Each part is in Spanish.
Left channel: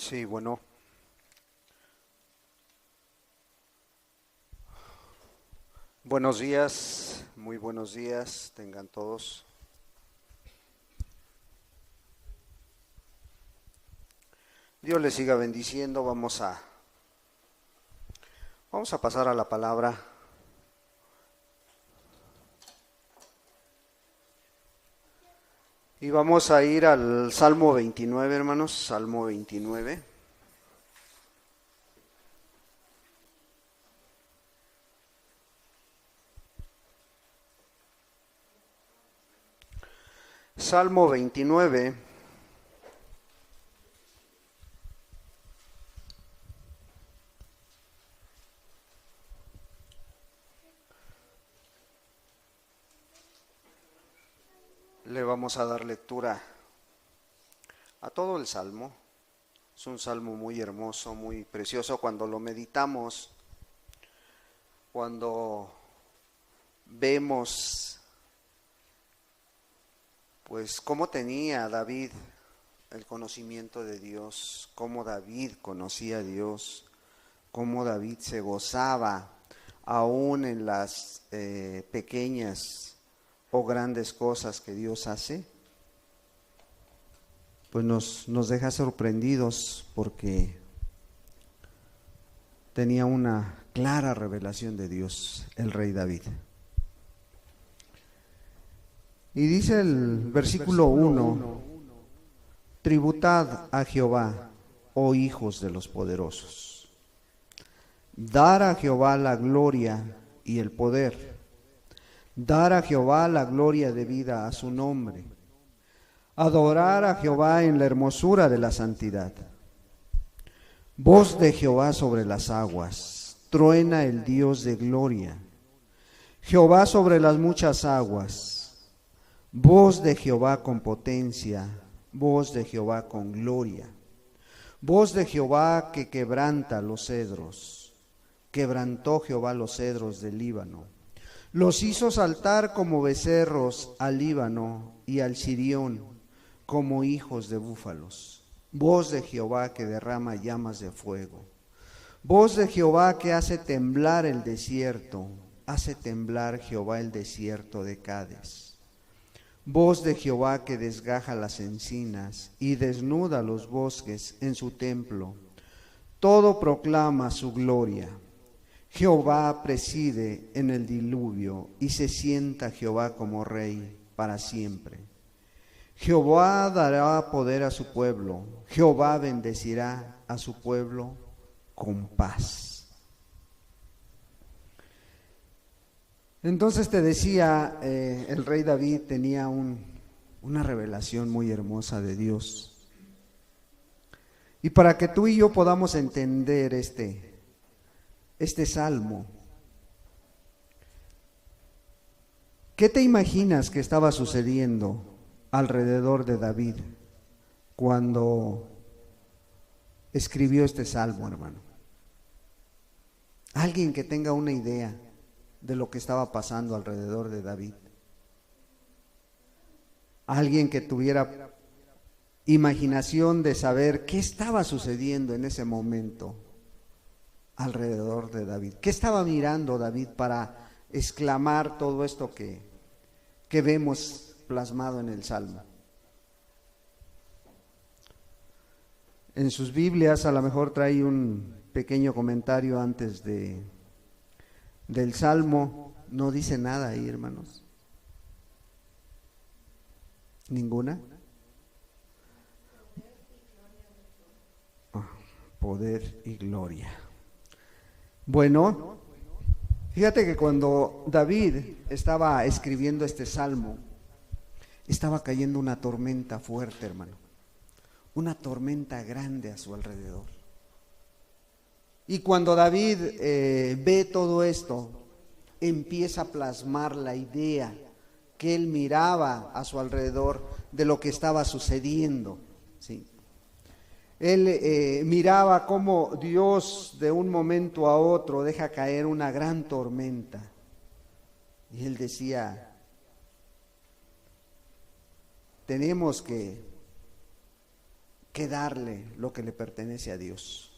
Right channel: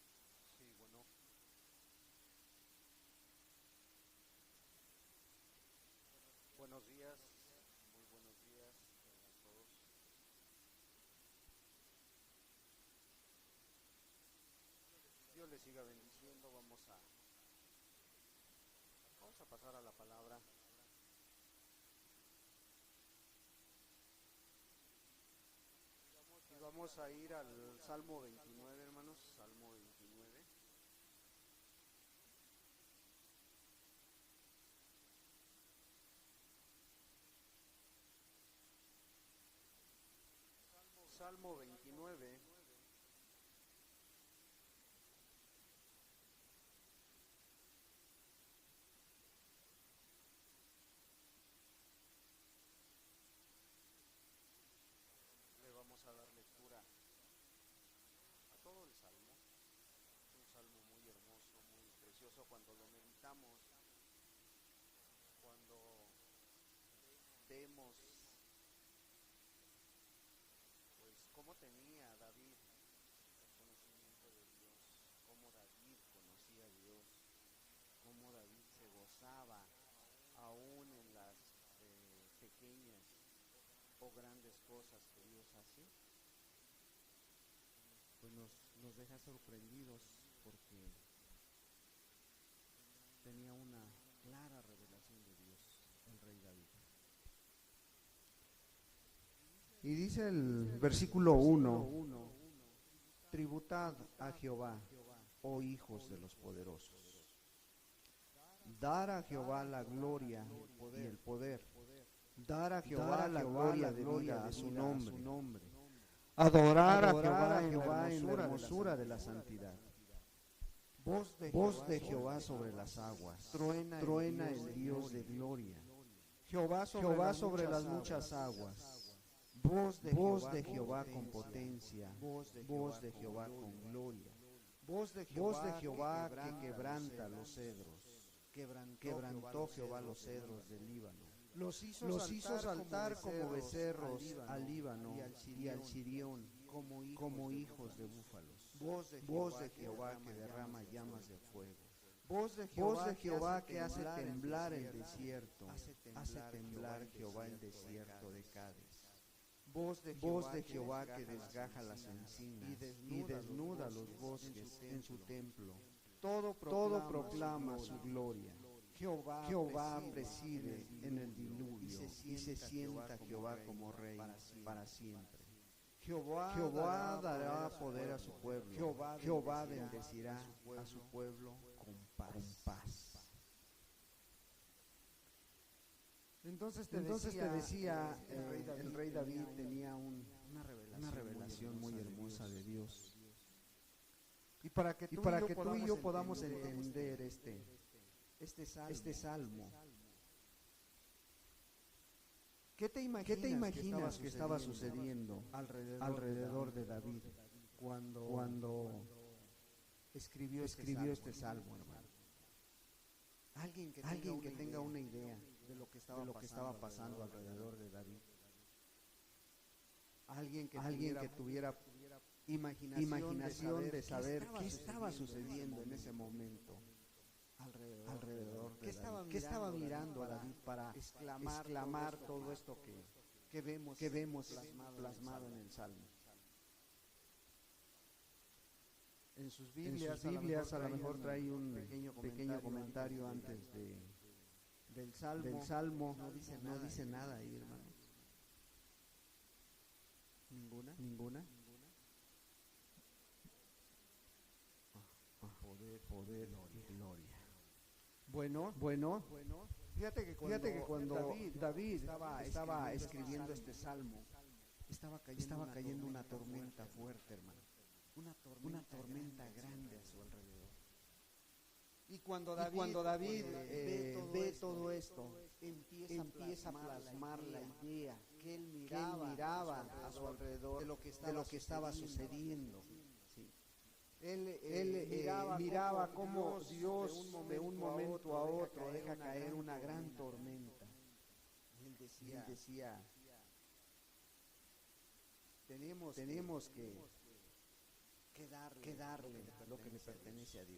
Sí, bueno, buenos días, muy buenos días, tengan todos. Dios les siga bendiciendo, vamos a pasar a la palabra y vamos a ir al Salmo 29, hermanos, Salmo 29. Salmo 29, le vamos a dar lectura a todo el Salmo. Es un salmo muy hermoso, muy precioso cuando lo meditamos, cuando vemos pues cómo tenía David el conocimiento de Dios, cómo David conocía a Dios, cómo David se gozaba aún en las pequeñas o grandes cosas que Dios hace, pues nos deja sorprendidos porque tenía una clara revelación de Dios, el rey David. Y dice el versículo 1: tributad a Jehová, oh hijos de los poderosos. Dar a Jehová la gloria y el poder. Dar a Jehová la gloria debida a su nombre. Adorar a Jehová en la hermosura de la santidad. Voz de Jehová sobre las aguas. Truena el Dios de gloria. Jehová sobre las muchas aguas. Voz de Jehová con potencia. Voz de Jehová con gloria. Voz de Jehová que quebranta los cedros. Quebrantó Jehová los cedros del Líbano. Los hizo saltar como becerros al Líbano y al Sirión como hijos de búfalos. Voz de Jehová que derrama llamas de fuego. Voz de Jehová que hace temblar el desierto. Hace temblar Jehová el desierto de Cades. Voz de Jehová que desgaja las encinas y desnuda los bosques en su templo. Todo proclama su gloria. Jehová preside en el diluvio y se sienta Jehová como rey para siempre. Jehová dará poder a su pueblo. Jehová bendecirá a su pueblo con paz. Entonces te decía, el rey David tenía una revelación muy hermosa de Dios. Y para que tú y yo podamos entender este salmo, ¿qué te imaginas que estaba sucediendo alrededor de David cuando escribió este salmo, hermano? Alguien que tenga una idea de lo que estaba pasando alrededor de David. Alguien que tuviera imaginación de saber qué estaba sucediendo en ese momento alrededor de David. ¿Qué estaba mirando David para exclamar todo esto que vemos plasmado en el Salmo? En sus Biblias a lo mejor trae un pequeño comentario antes del Salmo. No dice nada ahí, hermanos. ¿Ninguna? Poder y gloria. Bueno, fíjate que cuando David estaba escribiendo este salmo, estaba cayendo una tormenta fuerte, hermano. Una tormenta grande a su alrededor. Y cuando David ve todo esto, empieza a plasmar la idea que él miraba a su alrededor de lo que estaba sucediendo, ¿sí? Él miraba cómo Dios de un momento a otro deja caer una gran tormenta. Y él decía, tenemos que que darle lo que le pertenece a Dios.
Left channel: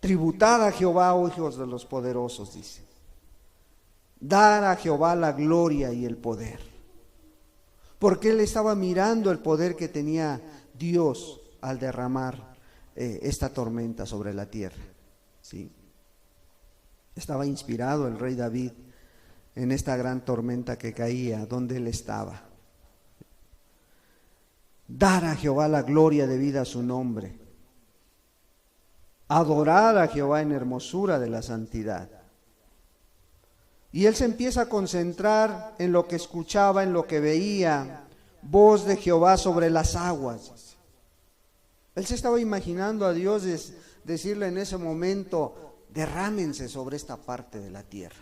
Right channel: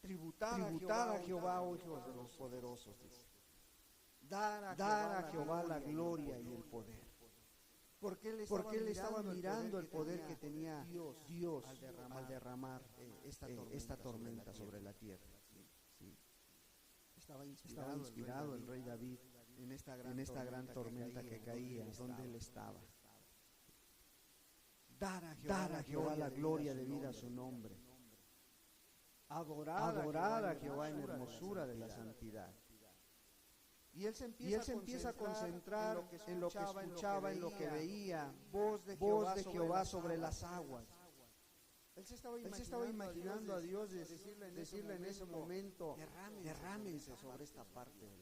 Tributad a Jehová, oh hijos de los poderosos, dice. Dar a Jehová la gloria y el poder. Porque él estaba mirando el poder que tenía Dios al derramar esta tormenta sobre la tierra. ¿Sí? Estaba inspirado el rey David en esta gran tormenta que caía donde él estaba. Dar a Jehová la gloria debida a su nombre. Adorar a Jehová en hermosura de la santidad. Y él se empieza a concentrar en lo que escuchaba, en lo que veía. Voz de Jehová sobre las aguas. Él se estaba imaginando a Dios decirle en ese momento: derrámense sobre esta parte de la tierra.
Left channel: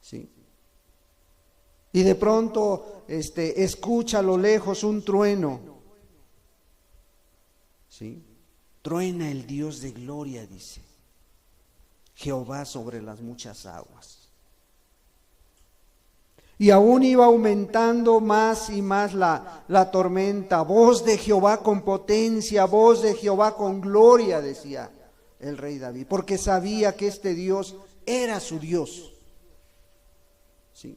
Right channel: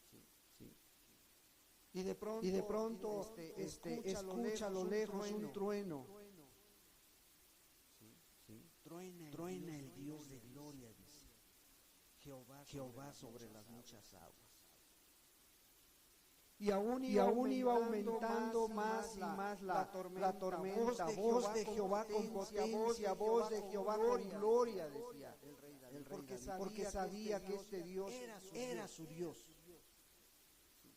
¿Sí? Y de pronto escucha a lo lejos un trueno. ¿Sí? Truena el Dios de gloria, dice. Jehová sobre las muchas aguas. Y aún iba aumentando más y más la tormenta. Voz de Jehová con potencia, voz de Jehová con gloria, decía el rey David, porque sabía que este Dios era su Dios. ¿Sí?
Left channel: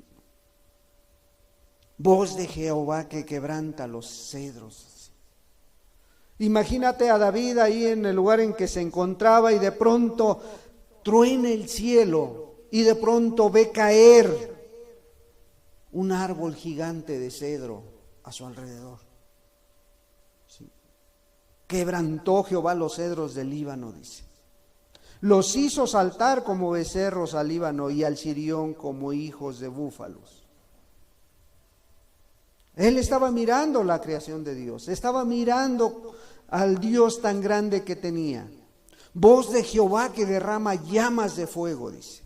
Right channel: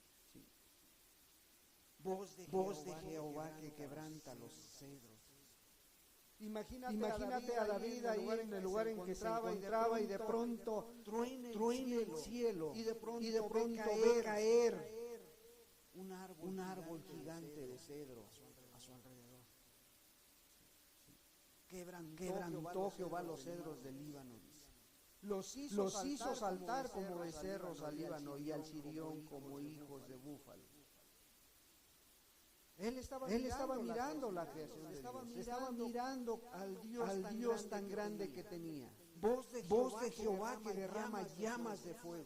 Voz de Jehová que quebranta los cedros. Imagínate a David ahí en el lugar en que se encontraba y de pronto truena el cielo y de pronto ve caer un árbol gigante de cedro a su alrededor. ¿Sí? Quebrantó Jehová los cedros del Líbano, dice. Los hizo saltar como becerros al Líbano y al Sirión como hijos de búfalos. Él estaba mirando la creación de Dios, estaba mirando al Dios tan grande que tenía. Voz de Jehová que derrama llamas de fuego, dice.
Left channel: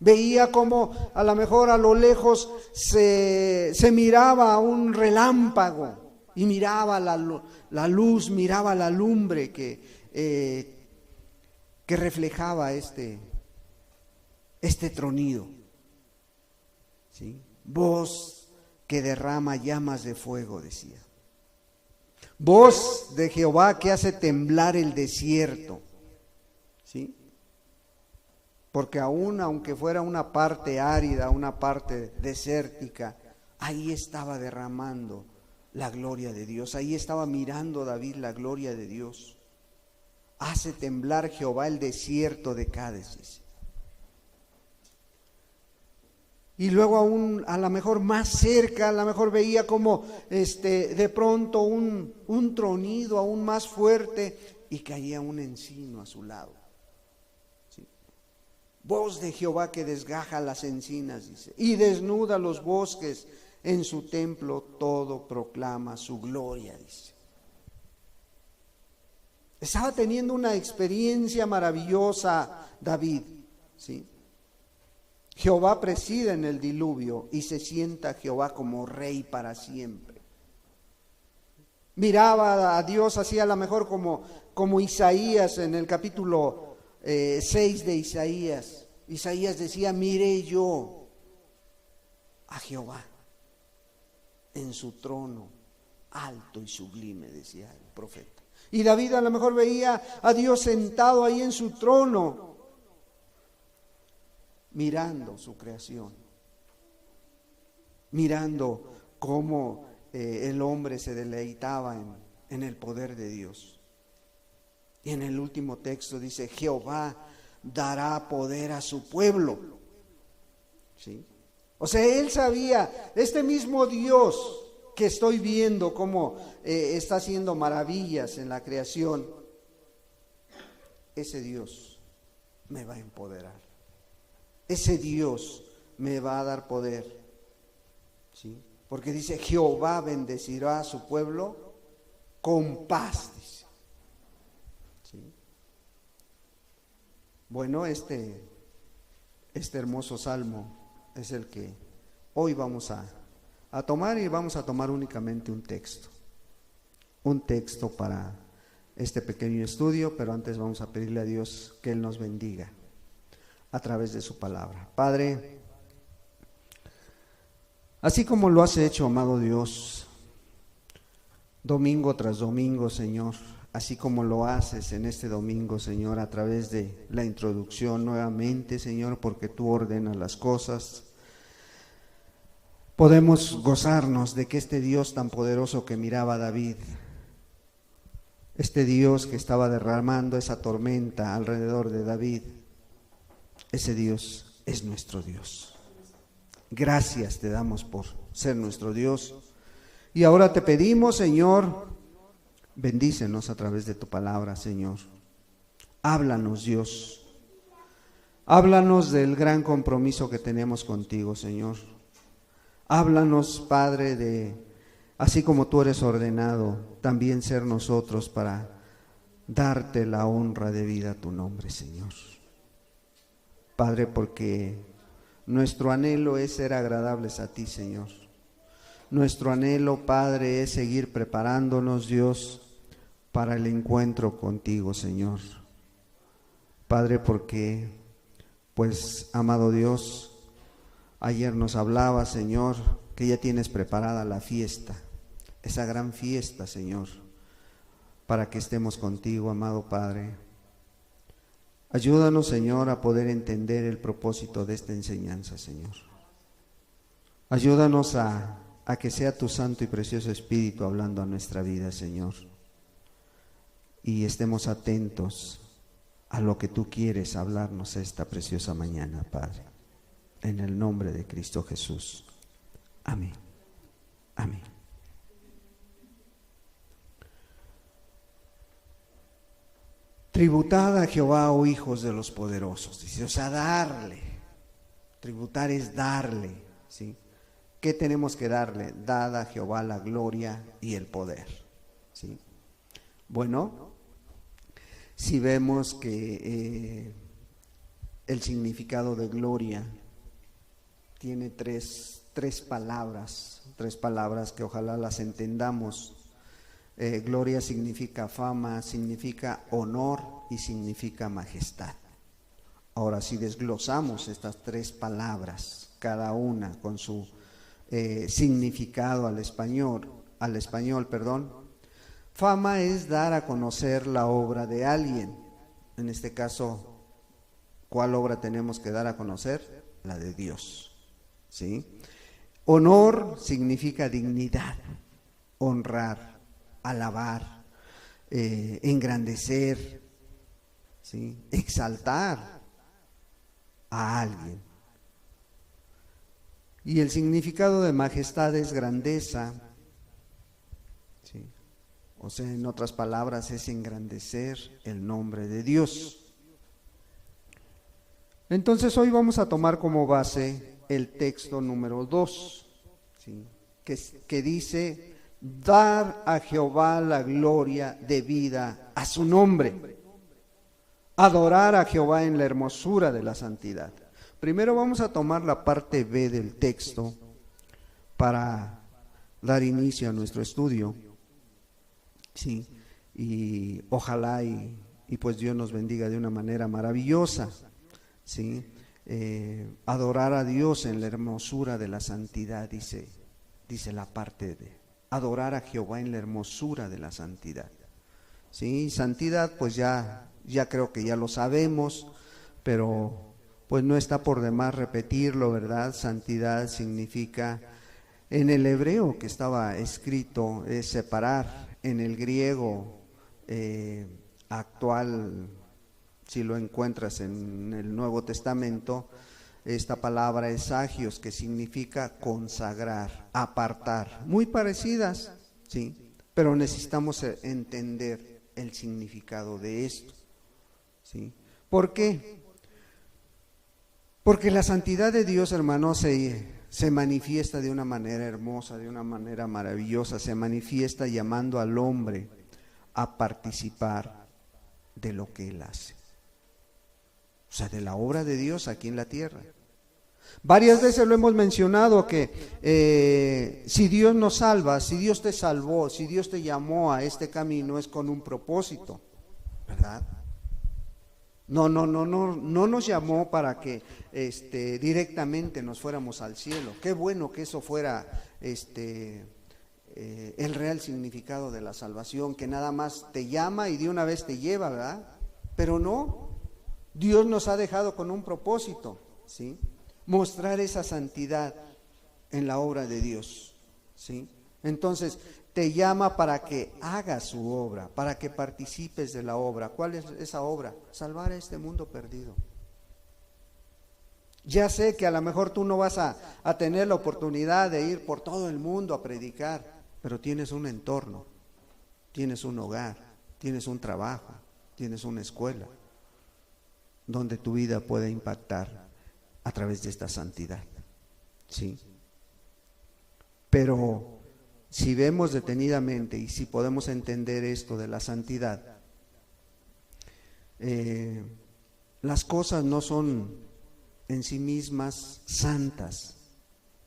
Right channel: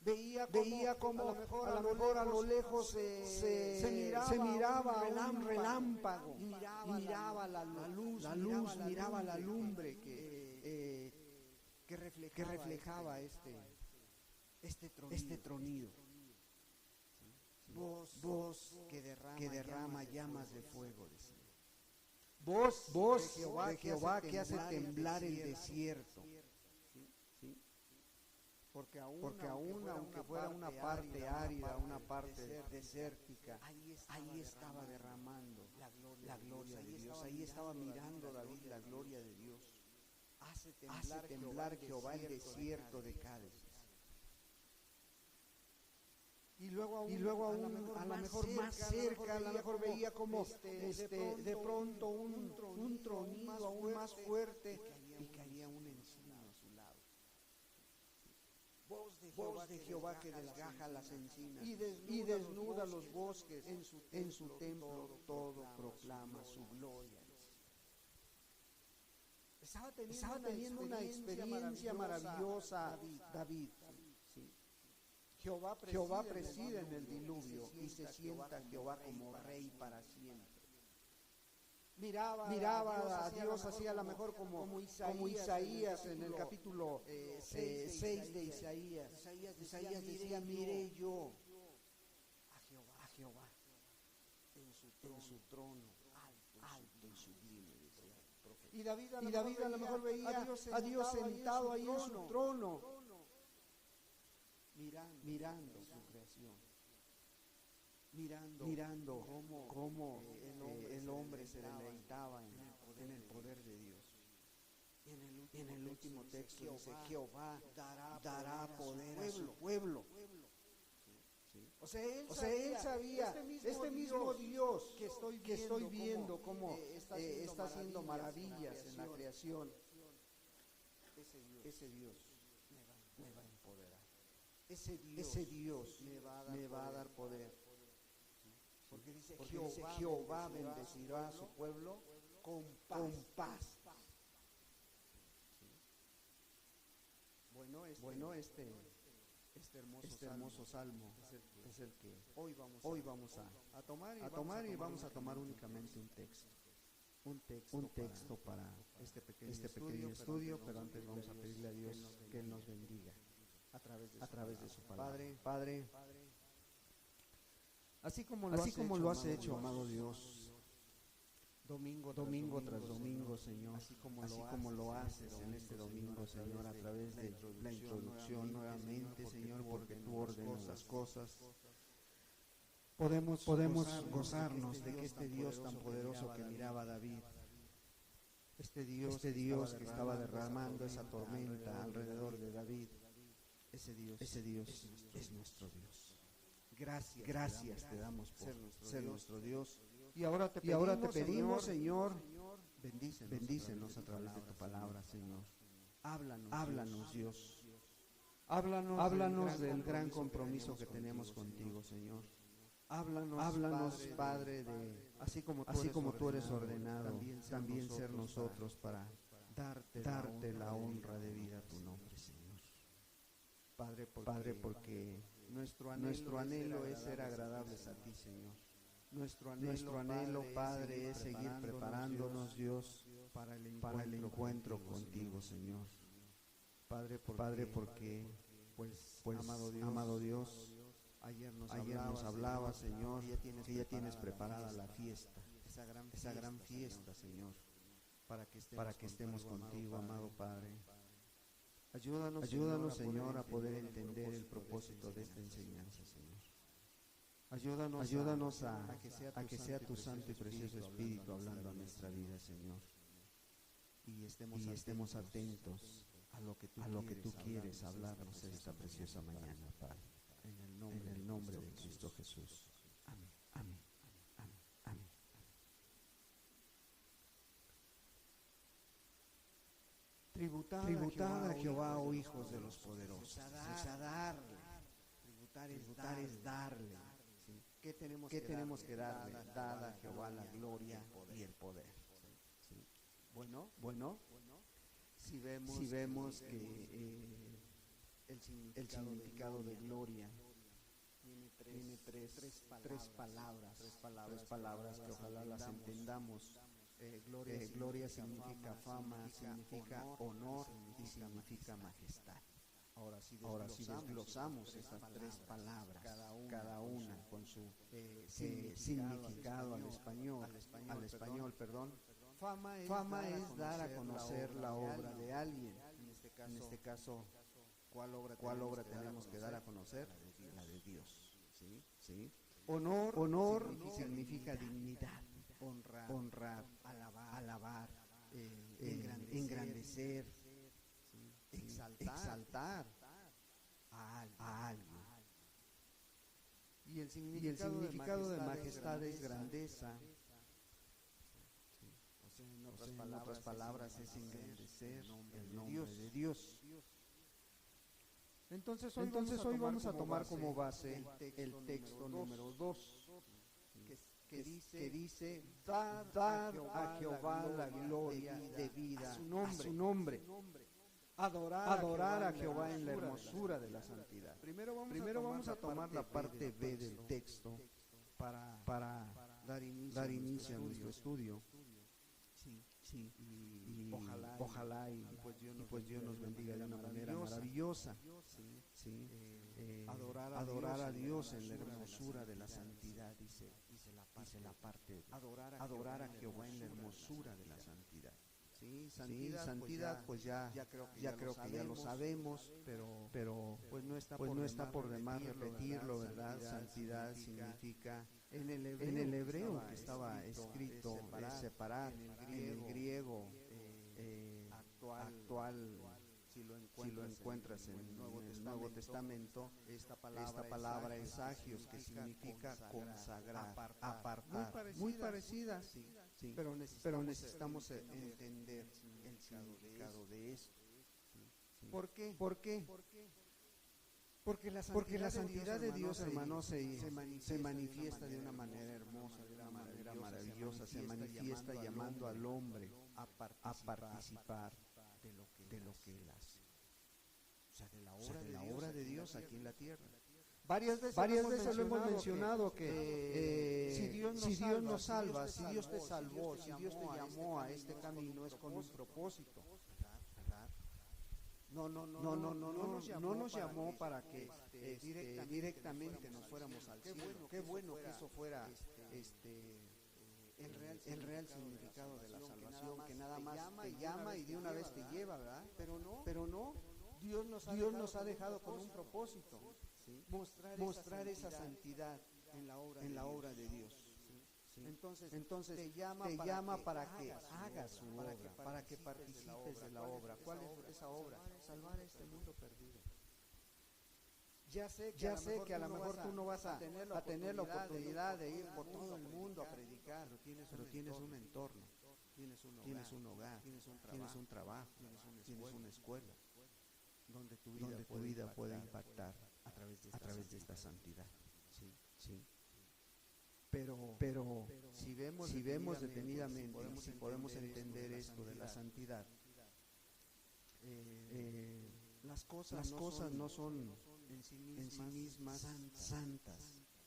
Veía como a lo mejor a lo lejos se miraba un relámpago y miraba la luz, miraba la lumbre que reflejaba este tronido. ¿Sí? Voz que derrama llamas de fuego, decía. Voz de Jehová que hace temblar el desierto. ¿Sí? Porque aunque fuera una parte árida, una parte desértica, ahí estaba derramando la gloria de Dios. Ahí estaba mirando David la gloria de Dios. Hace temblar Jehová el desierto de Cádiz. Y luego aún a lo mejor más cerca, a lo mejor veía como de pronto un tronido aún más fuerte y caía un encino a su lado. Voz de Jehová que desgaja las encinas, dice, y desnuda los bosques, en su templo todo proclama su gloria, dice. Estaba teniendo una experiencia maravillosa David, ¿sí? Jehová preside en el diluvio y se sienta Jehová como rey para siempre. Miraba a Dios así a lo mejor como Isaías en el capítulo 6 de Isaías. Isaías decía: miré yo a Jehová en su trono alto y sublime, decía el profeta. Y David a lo mejor veía a Dios sentado ahí en su trono, mirando su creación, mirando cómo el hombre se deleitaba en el poder de Dios. Y en el último texto dice: Jehová dará poder a su pueblo. ¿Sí? O sea, él sabía, este mismo Dios que estoy viendo cómo está haciendo maravillas en la creación, ese Dios me va a empoderar. Ese Dios me va a dar poder. ¿Sí? Porque dice: Jehová bendecirá a su pueblo con paz. Bueno, este hermoso salmo es el que hoy vamos a tomar, y vamos a tomar únicamente un texto para este pequeño estudio, pero antes vamos a pedirle a Dios que Él nos bendiga a través de su palabra. Padre, así como lo has hecho, amado Dios, domingo tras domingo, Señor, así como lo haces en este domingo, Señor, a través de la introducción nuevamente, Señor, porque tú ordenas las cosas. Podemos gozarnos de que este Dios tan poderoso que miraba a David, este Dios que estaba derramando esa tormenta alrededor de David, ese Dios es nuestro Dios. Gracias te damos por ser nuestro Dios. Y ahora te pedimos, Señor, bendícenos a través de tu palabra, Señor. Háblanos, Dios. Háblanos del gran compromiso que tenemos contigo, Señor. Háblanos, Padre, de así como tú eres ordenado, también ser nosotros para darte la honra debida a tu nombre, Señor. Padre, porque nuestro anhelo es ser agradables a ti, Señor. Nuestro anhelo, Padre, es seguir preparándonos, Dios, para el encuentro contigo, Señor. Padre, porque, pues, amado Dios, ayer nos hablaba, Señor, que ya tienes preparada la fiesta, esa gran fiesta, Señor, para que estemos contigo, amado Padre. Ayúdanos, Señor, a poder entender el propósito de esta enseñanza, Señor. Ayúdanos a que sea tu santo y precioso Espíritu hablando a nuestra vida, Señor. Y estemos atentos a lo que tú quieres hablarnos esta preciosa mañana, Padre. En el nombre de Cristo Jesús. Amén. Amén. Tributad a Jehová, oh hijos de los poderosos. Dice, o sea, darle. Tributar es darle, ¿sí? ¿Qué tenemos que darle? Dad a Jehová la gloria y el poder, ¿sí? Bueno, si vemos que el significado de gloria tiene tres palabras que ojalá las entendamos. Gloria significa fama, significa honor y significa majestad. Ahora, si desglosamos estas tres palabras, cada una con su significado al español, fama es dar a conocer la obra de alguien. En este caso, ¿cuál obra tenemos que dar a conocer? La de Dios, ¿sí? Honor significa dignidad, honrar, alabar, engrandecer, ¿sí? Exaltar a alguien. Y el significado de majestad es grandeza, ¿sí? O sea, en otras palabras, es engrandecer el nombre de Dios. Entonces hoy vamos a tomar como base el texto número 2, ¿sí? que dice: dar a Jehová la gloria debida a su nombre. Adorar a Jehová en la hermosura de la santidad. Primero vamos a tomar la parte B del texto para dar inicio a nuestro estudio, ¿sí? Y ojalá y pues Dios nos bendiga de una manera maravillosa, ¿sí? Adorar a Dios en la hermosura de la santidad, dice la parte de adorar a Jehová en la hermosura de la santidad, ¿sí? Santidad, pues ya creo que ya lo sabemos, pero pues no está por demás repetirlo, ¿verdad? Santidad significa, en el hebreo que estaba escrito, es separar. En el griego actual, si lo encuentras en el Nuevo Testamento, esta palabra es agios, que significa consagrar, apartar. Muy parecidas, ¿sí? Pero necesitamos entender el significado de esto, ¿sí? ¿Por qué? Porque la santidad de Dios, hermanos, se manifiesta de una manera hermosa, de una manera maravillosa. Se manifiesta llamando al hombre a participar de lo que Él hace. O sea, de la obra de Dios aquí en la tierra. Varias veces lo hemos mencionado que si Dios nos salva, si Dios te salvó, si Dios te llamó a este camino, es con un propósito, ¿verdad? No nos llamó para que directamente nos fuéramos al cielo. Qué bueno que eso fuera el real significado de la salvación, que nada más te llama y de una vez te lleva, ¿verdad? Pero no, Dios nos ha dejado con un propósito, ¿sí? Mostrar esa santidad en la obra de Dios, ¿sí? Entonces, te llama para que hagas su obra, para que participes de la obra. ¿Cuál es esa obra? Salvar a este mundo perdido. Ya sé que a lo mejor tú no vas a tener la oportunidad de ir por todo el mundo a predicar, pero tienes un entorno, tienes un hogar, tienes un trabajo, tienes una escuela, donde tu vida puede impactar a través de esta santidad, ¿sí? Pero si vemos detenidamente y si podemos entender esto de la santidad, las cosas no son en sí mismas santas,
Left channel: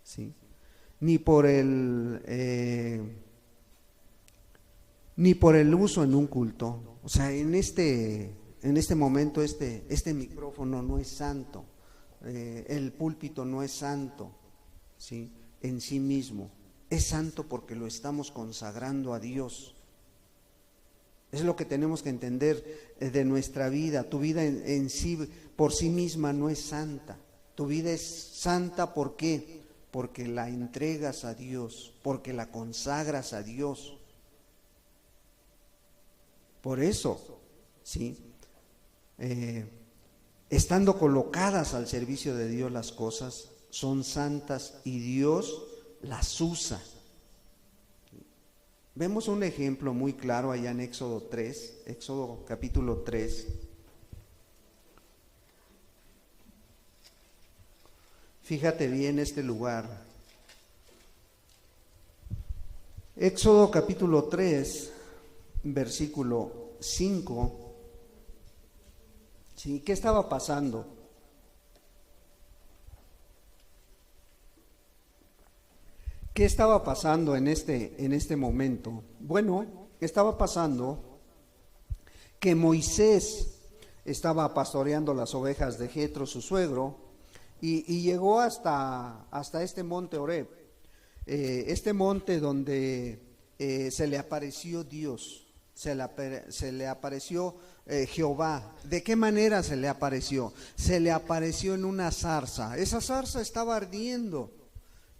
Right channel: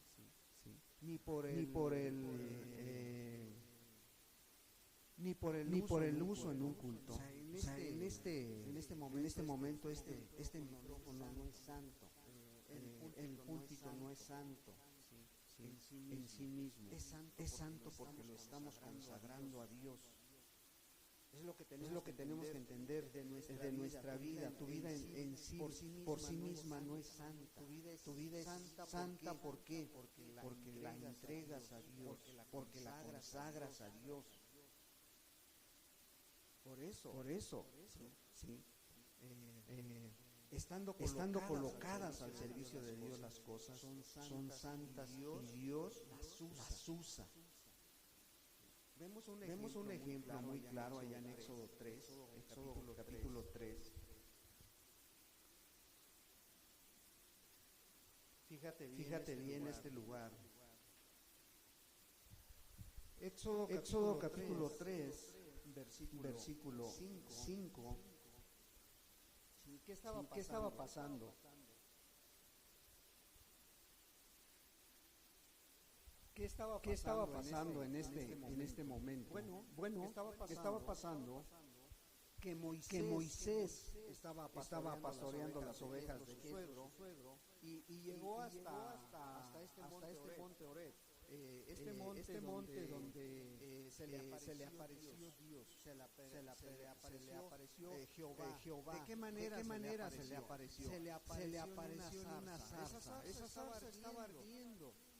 ¿sí? Ni por el uso en un culto. O sea, en este momento este micrófono no es santo, el púlpito no es santo, ¿sí? En sí mismo. Es santo porque lo estamos consagrando a Dios. Es lo que tenemos que entender de nuestra vida. Tu vida en sí, por sí misma, no es santa. Tu vida es santa, ¿por qué? Porque la entregas a Dios, porque la consagras a Dios. Por eso, ¿sí? Estando colocadas al servicio de Dios las cosas, son santas y Dios las usa. Vemos un ejemplo muy claro allá en Éxodo 3, Éxodo capítulo 3. Fíjate bien este lugar. Éxodo capítulo 3, versículo 5. ¿Sí? ¿Qué estaba pasando? ¿Qué estaba pasando en este momento? Bueno, estaba pasando que Moisés estaba pastoreando las ovejas de Jetro, su suegro, y llegó hasta este monte Horeb, este monte donde se le apareció Dios, se le apareció Jehová. ¿De qué manera se le apareció? Se le apareció en una zarza. Esa zarza estaba ardiendo.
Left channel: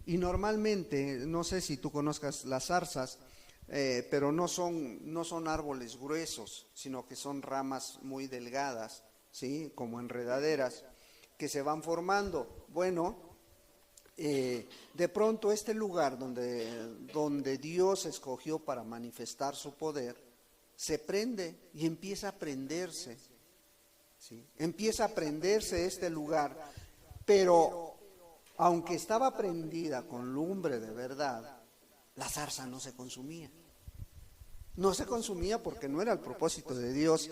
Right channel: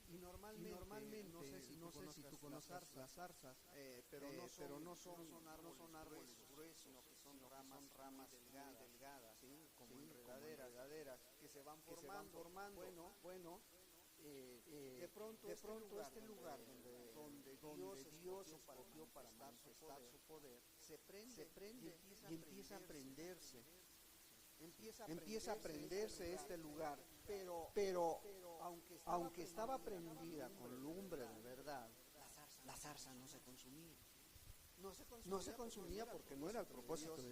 Y normalmente, no sé si tú conozcas las zarzas, pero no son árboles gruesos, sino que son ramas muy delgadas, ¿sí? Como enredaderas, que se van formando. Bueno, de pronto este lugar donde Dios escogió para manifestar su poder, se prende y empieza a prenderse, ¿sí? Empieza a prenderse este lugar, pero aunque estaba prendida con lumbre de verdad, la zarza no se consumía. No se consumía porque no era el propósito de Dios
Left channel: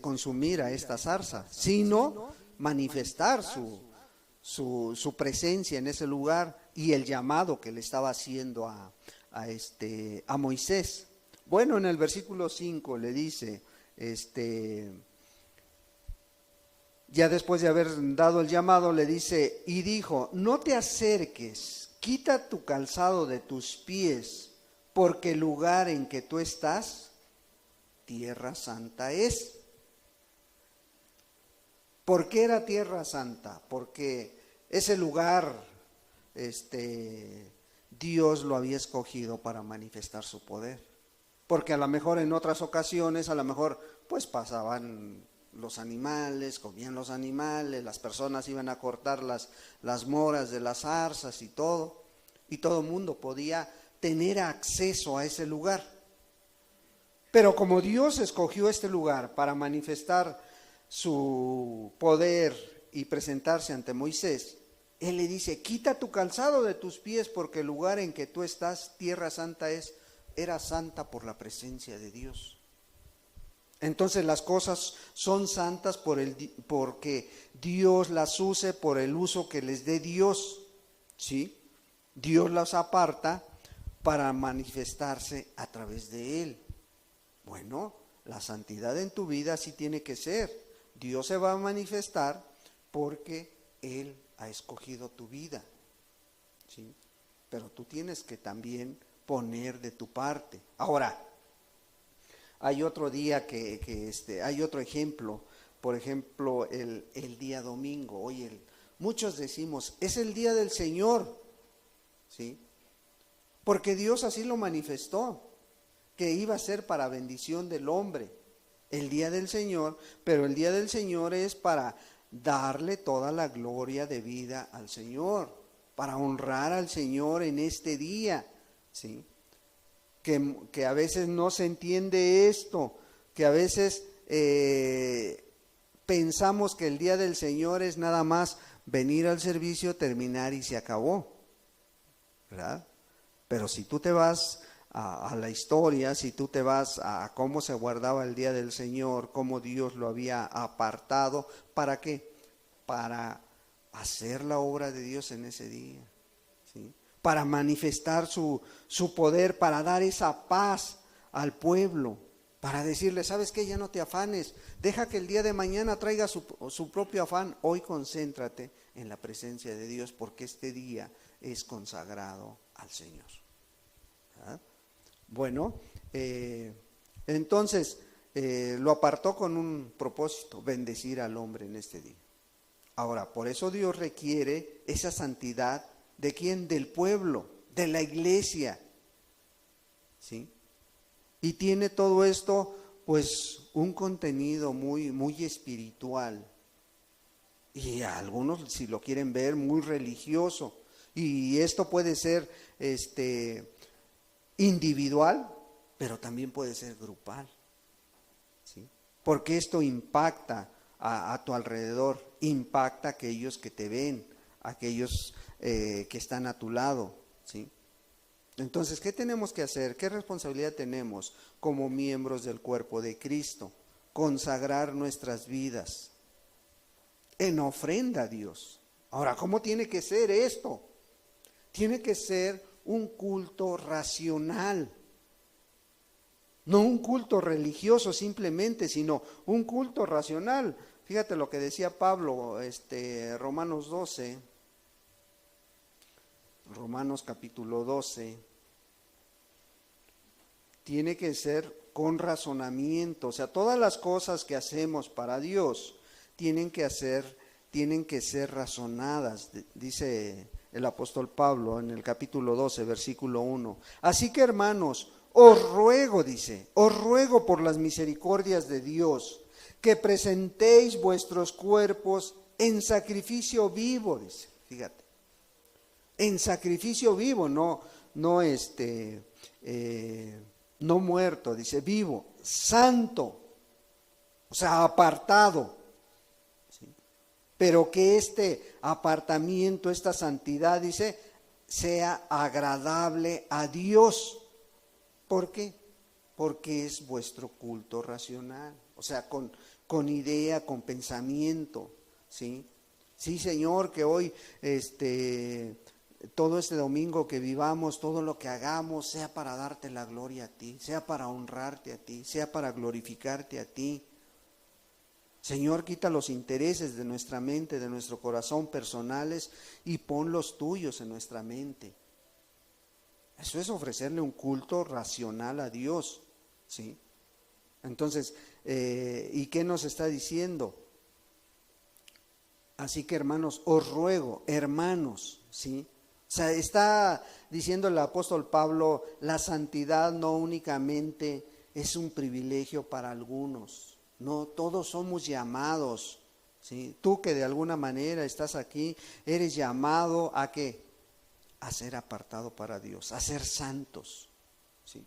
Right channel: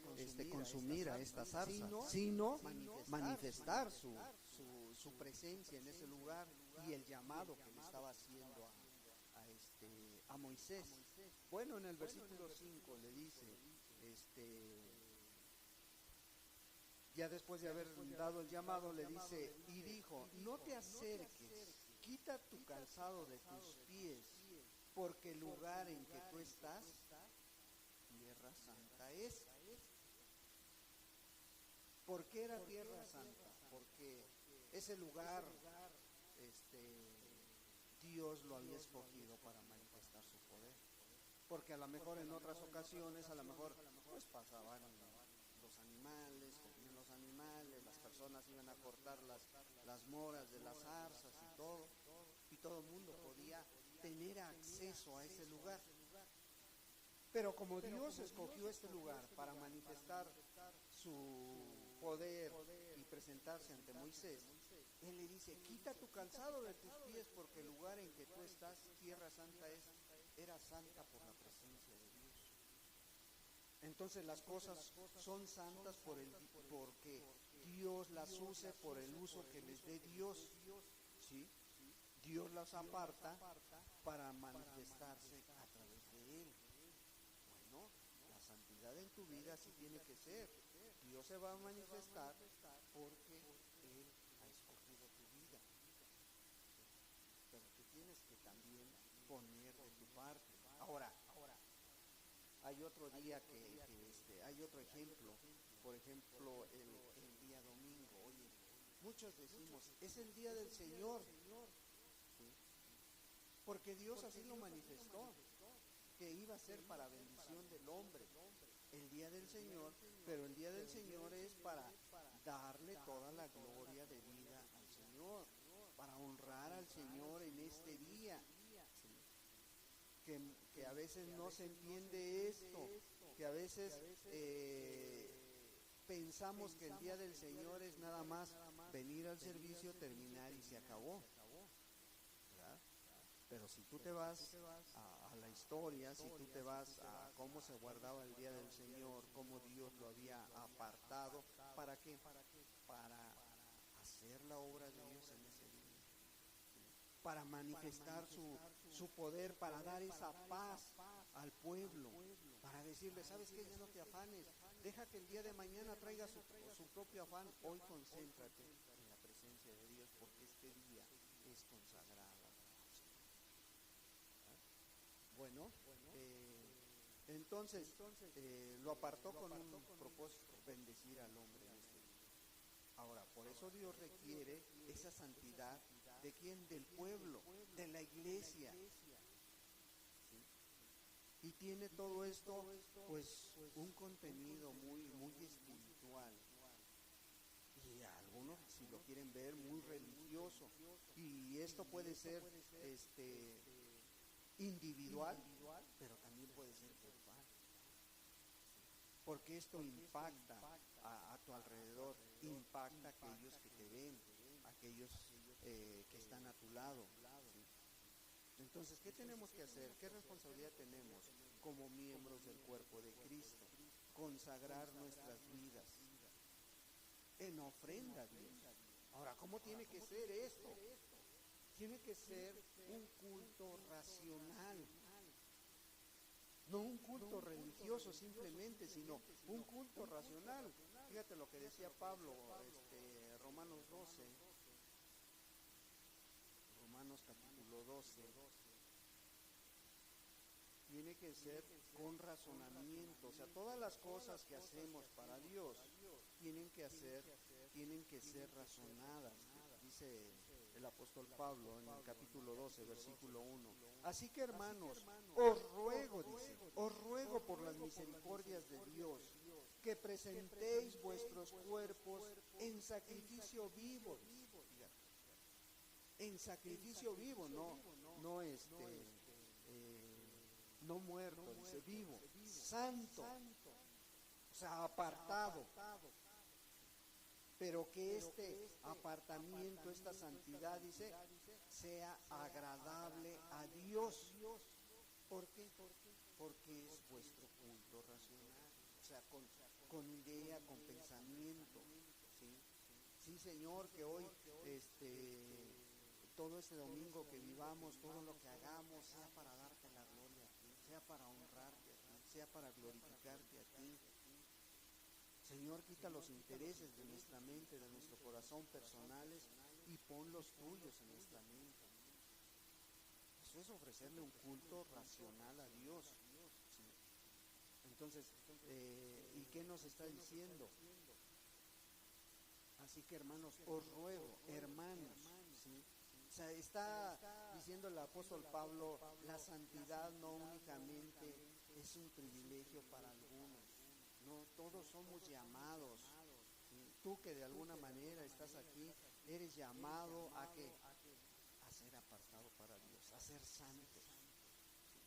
consumir a esta zarza, sino manifestar su presencia en ese lugar y el llamado que le estaba haciendo a Moisés. Bueno, en el versículo 5 le dice, ya después de haber dado el llamado, le dice, y dijo, no te acerques, quita tu calzado de tus pies, porque el lugar en que tú estás, tierra santa es. ¿Por qué era tierra santa? Porque ese lugar, Dios lo había escogido para manifestar su poder. Porque a lo mejor en otras ocasiones, a lo mejor pues pasaban los animales, comían los animales, las personas iban a cortar las moras de las zarzas y todo el mundo podía tener acceso a ese lugar. Pero como Dios escogió este lugar para manifestar su poder y presentarse ante Moisés, Él le dice, quita tu calzado de tus pies porque el lugar en que tú estás, tierra santa es, era santa por la presencia de Dios. Entonces las cosas son santas porque Dios las use por el uso que les dé Dios, ¿sí? Dios las aparta para manifestarse a través de Él. Bueno, la santidad en tu vida sí tiene que ser. Dios se va a manifestar porque Él ha escogido tu vida, ¿sí? Pero tú tienes que también poner de tu parte. Ahora, hay otro día hay otro ejemplo, por ejemplo, el día domingo. Hoy muchos decimos, es el día del Señor, ¿sí? Porque Dios así lo manifestó, que iba a ser para bendición del hombre, el día del Señor, pero el día del Señor es para darle toda la gloria de vida al Señor, para honrar al Señor en este día, ¿sí? Que a veces no se entiende esto, que a veces pensamos que el día del Señor es nada más venir al servicio, terminar y se acabó, ¿verdad? Pero si tú te vas a la historia, si tú te vas a cómo se guardaba el día del Señor, cómo Dios lo había apartado, ¿para qué? Para hacer la obra de Dios en ese día, ¿sí? Para manifestar su poder, para dar esa paz al pueblo, para decirle, ¿sabes qué? Ya no te afanes, deja que el día de mañana traiga su propio afán, hoy concéntrate en la presencia de Dios, porque este día es consagrado al Señor. ¿Ah? Bueno, entonces lo apartó con un propósito, bendecir al hombre en este día. Ahora, por eso Dios requiere esa santidad. ¿De quién? Del pueblo, de la iglesia, ¿sí? Y tiene todo esto, pues, un contenido muy, muy espiritual. Y a algunos, si lo quieren ver, muy religioso. Y esto puede ser, individual, pero también puede ser grupal, ¿sí? Porque esto impacta a tu alrededor, impacta a aquellos que te ven, a aquellos que están a tu lado, ¿sí? Entonces, ¿qué tenemos que hacer? ¿Qué responsabilidad tenemos como miembros del cuerpo de Cristo? Consagrar nuestras vidas en ofrenda a Dios. Ahora, ¿cómo tiene que ser esto? Tiene que ser un culto racional, no un culto religioso simplemente, sino un culto racional. Fíjate lo que decía Pablo, Romanos 12, Romanos capítulo 12, tiene que ser con razonamiento, o sea, todas las cosas que hacemos para Dios tienen que ser razonadas, dice el apóstol Pablo en el capítulo 12, versículo 1. Así que, hermanos, os ruego, dice, os ruego por las misericordias de Dios, que presentéis vuestros cuerpos en sacrificio vivo, dice, fíjate, en sacrificio vivo, no muerto, dice, vivo, santo, o sea, apartado, ¿sí? Pero que este apartamiento, esta santidad, dice, sea agradable a Dios. ¿Por qué? Porque es vuestro culto racional, o sea, con idea, con pensamiento, ¿sí? Sí, Señor, que hoy, todo este domingo que vivamos, todo lo que hagamos, sea para darte la gloria a ti, sea para honrarte a ti, sea para glorificarte a ti. Señor, quita los intereses de nuestra mente, de nuestro corazón personales y pon los tuyos en nuestra mente. Eso es ofrecerle un culto racional a Dios, ¿sí? Entonces, ¿y qué nos está diciendo? Así que, hermanos, os ruego, hermanos, ¿sí? O sea, está diciendo el apóstol Pablo, la santidad no únicamente es un privilegio para algunos, no, todos somos llamados, ¿sí? Tú que de alguna manera estás aquí, eres llamado ¿a qué? A ser apartado para Dios, a ser santos, ¿sí?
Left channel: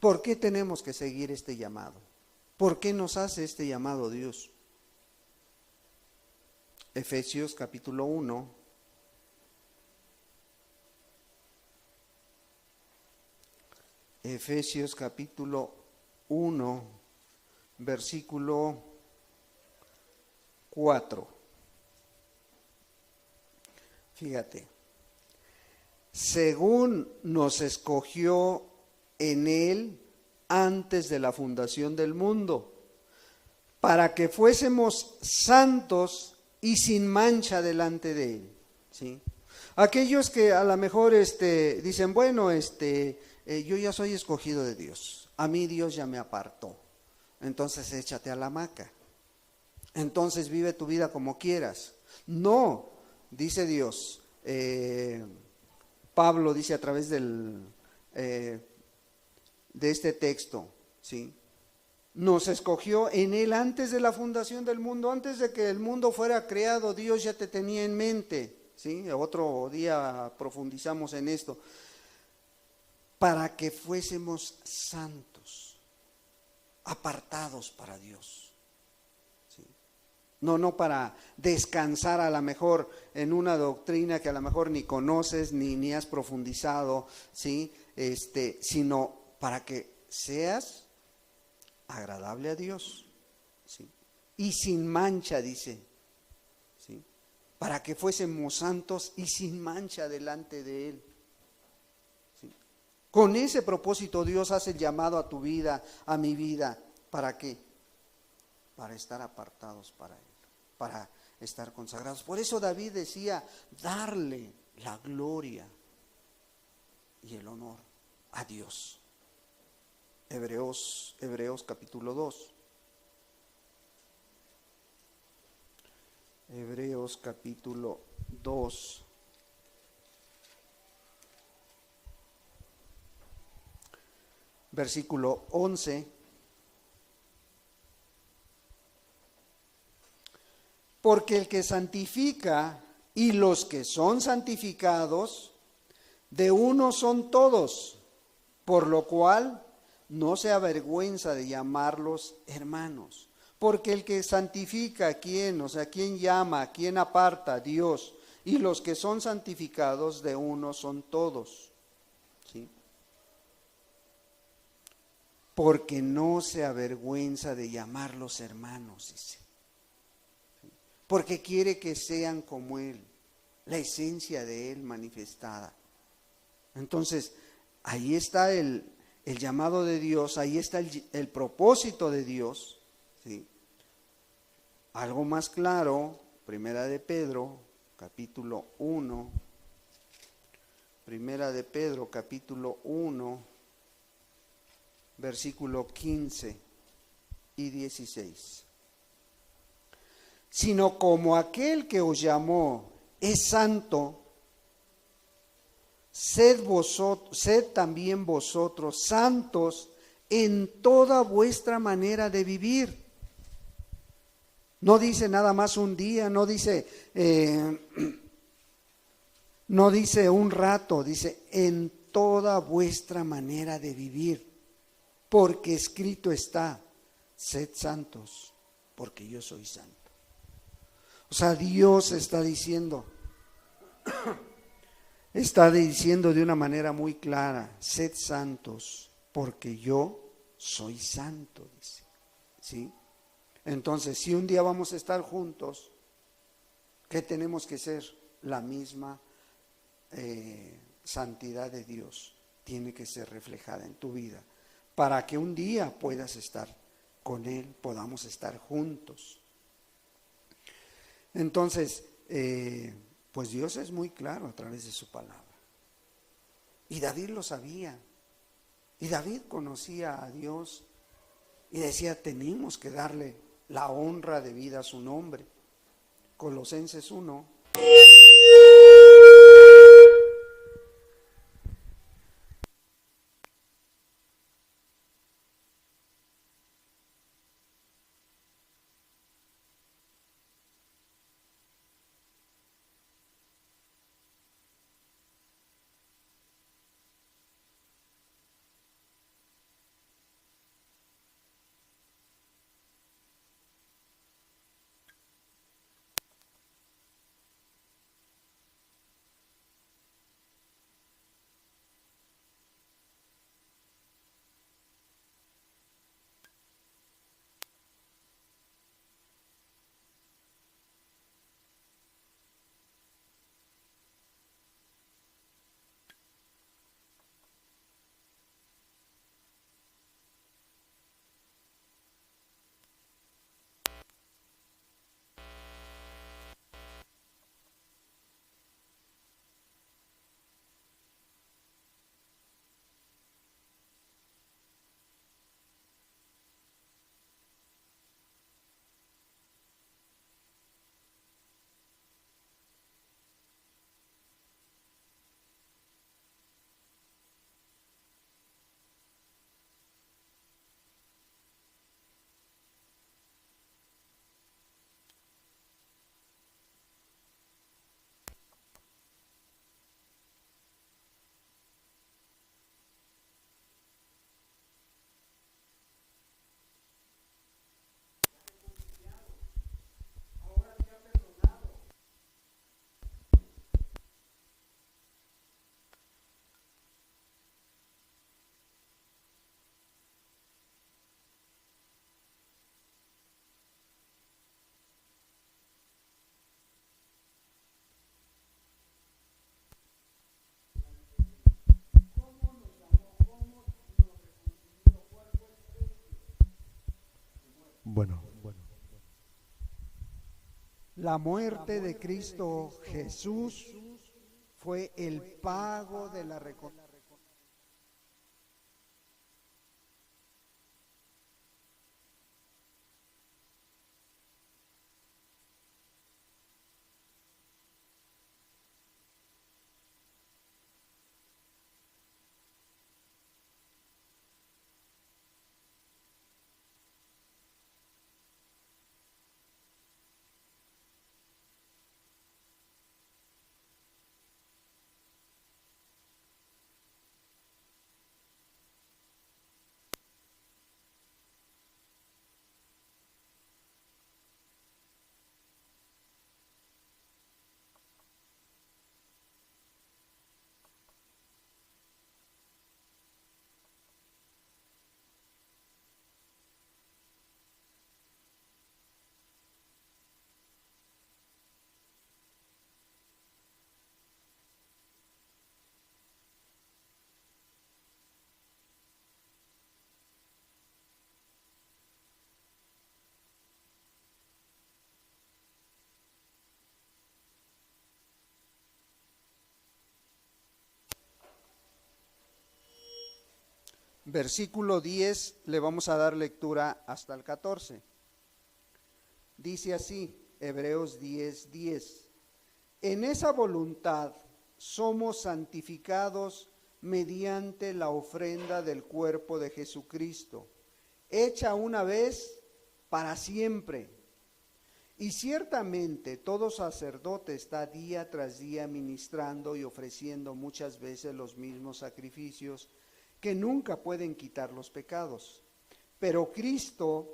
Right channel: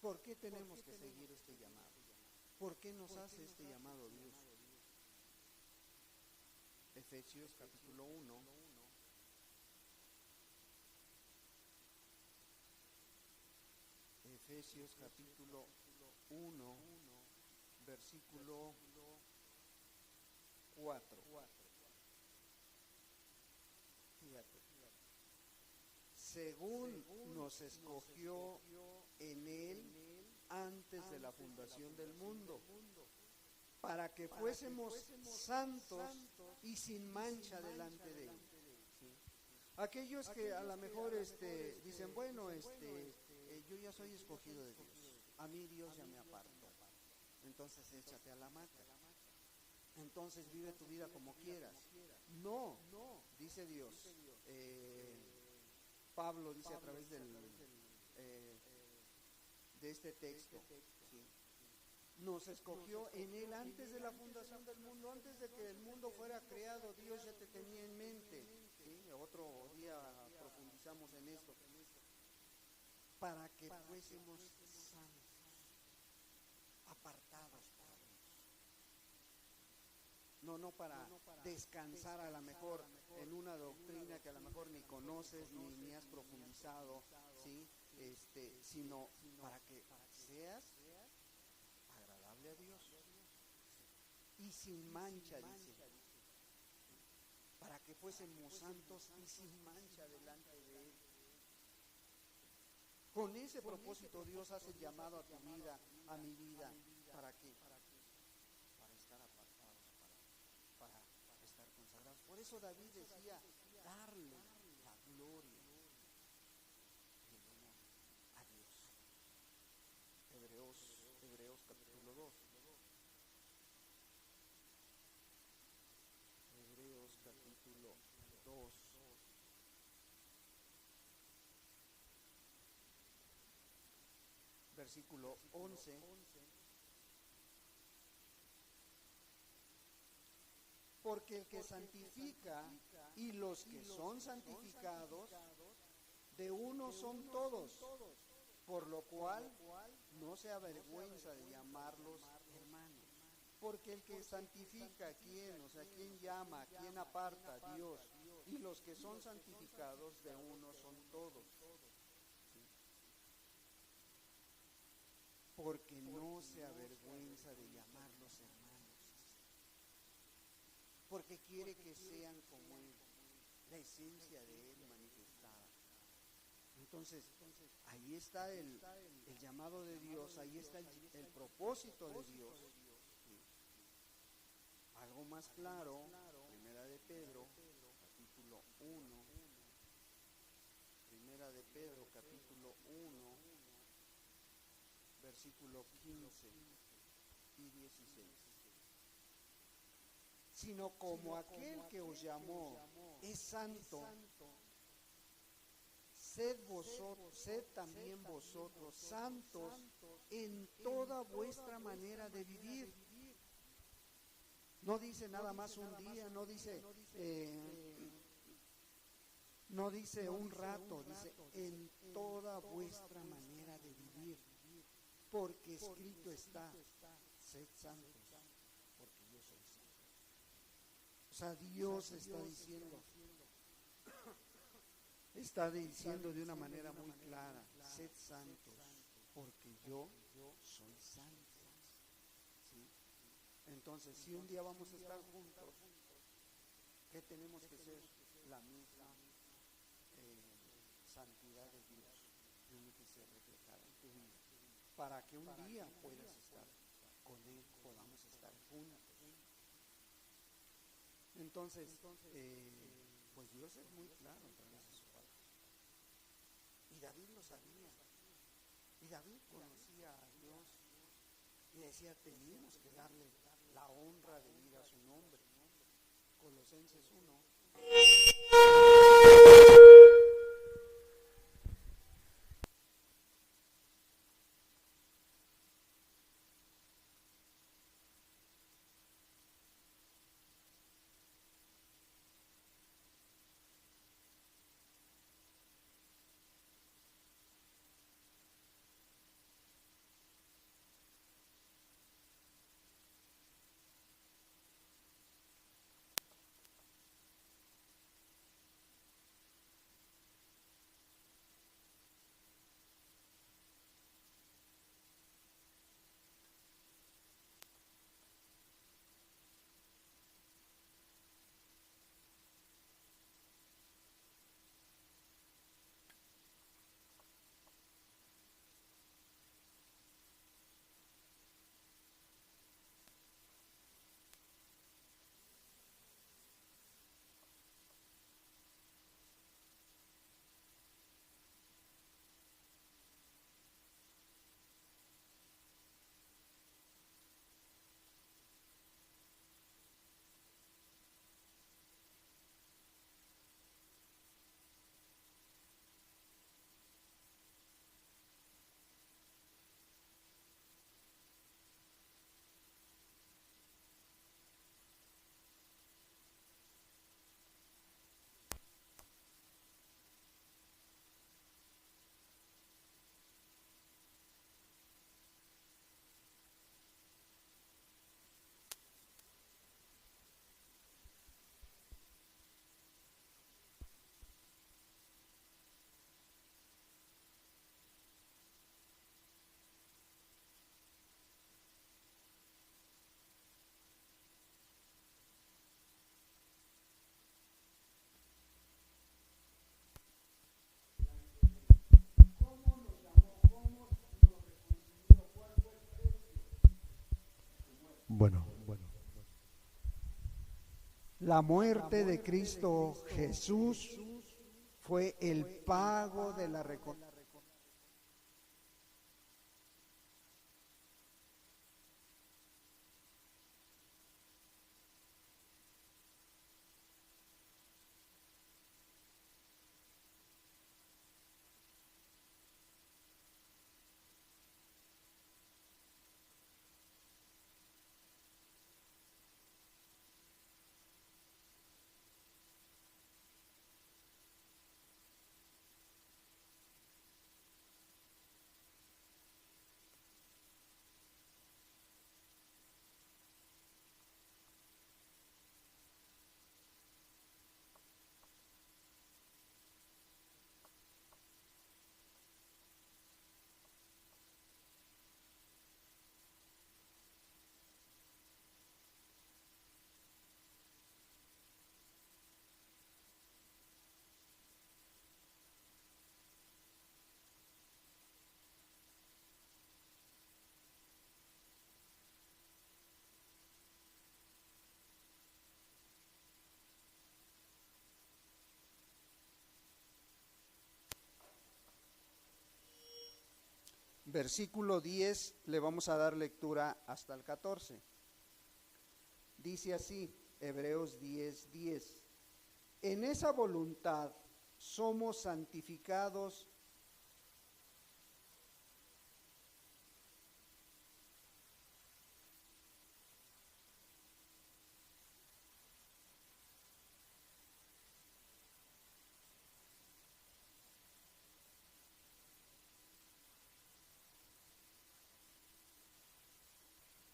¿Por qué tenemos que seguir este llamado? ¿Por qué nos hace este llamado Dios? Efesios capítulo 1, Efesios capítulo 1, versículo 4. Fíjate, según nos escogió en Él antes de la fundación del mundo, para que fuésemos santos y sin mancha delante de Él, ¿sí? Aquellos que a lo mejor dicen, bueno, yo ya soy escogido de Dios, a mí Dios ya me apartó, entonces échate a la hamaca, entonces vive tu vida como quieras. No, dice Dios, Pablo dice a través de este texto, ¿sí? Nos escogió en Él antes de la fundación del mundo, antes de que el mundo fuera creado, Dios ya te tenía en mente, ¿sí? Otro día profundizamos en esto, para que fuésemos santos, apartados para Dios, ¿sí? No para descansar a lo mejor en una doctrina que a lo mejor ni conoces ni has profundizado, ¿sí? Sino para que seas agradable a Dios, ¿sí? Y sin mancha, dice, ¿sí? Para que fuésemos santos y sin mancha delante de Él, ¿sí? Con ese propósito Dios hace el llamado a tu vida, a mi vida. ¿Para qué? Para estar apartados para Él, para estar consagrados. Por eso David decía, darle la gloria y el honor a Dios. Hebreos capítulo 2. Hebreos capítulo 2. Versículo 11. Porque el que santifica y los que son santificados, de uno son todos, por lo cual no se avergüenza de llamarlos hermanos. Porque el que santifica, ¿quién? O sea, ¿quién llama? ¿Quién aparta? Dios. Y los que son santificados, de uno son todos, ¿sí? Porque no se avergüenza de llamarlos hermanos, dice. Porque quiere que sean como Él, la esencia de Él manifestada. Entonces, ahí está el llamado de Dios, ahí está el propósito de Dios, ¿sí? Algo más claro, Primera de Pedro, capítulo 1, Primera de Pedro, capítulo 1, versículo 15 y 16. Sino como aquel que os llamó es santo, sed también vosotros santos en toda vuestra manera de vivir. No dice nada más un día, no dice un rato, dice en toda vuestra manera de vivir, porque escrito está, sed santos, porque yo soy santo. O sea, Dios está diciendo de una manera muy clara, sed santos, porque yo soy santo, dice, ¿sí? Entonces, si un día vamos a estar juntos, ¿qué tenemos que ser? La misma santidad de Dios tiene que ser reflejada en tu vida, para que un día puedas estar con Él, podamos estar juntos. Entonces, pues Dios es muy claro a través de su palabra. Y David lo sabía. Y David conocía a Dios y decía, tenemos que darle la honra debida a su nombre. Colosenses 1. La muerte de Cristo Jesús fue el pago de la reconciliación. Versículo 10, le vamos a dar lectura hasta el 14. Dice así, Hebreos 10, 10. En esa voluntad somos santificados mediante la ofrenda del cuerpo de Jesucristo, hecha una vez para siempre. Y ciertamente todo sacerdote está día tras día ministrando y ofreciendo muchas veces los mismos sacrificios que nunca pueden quitar los pecados. Pero Cristo,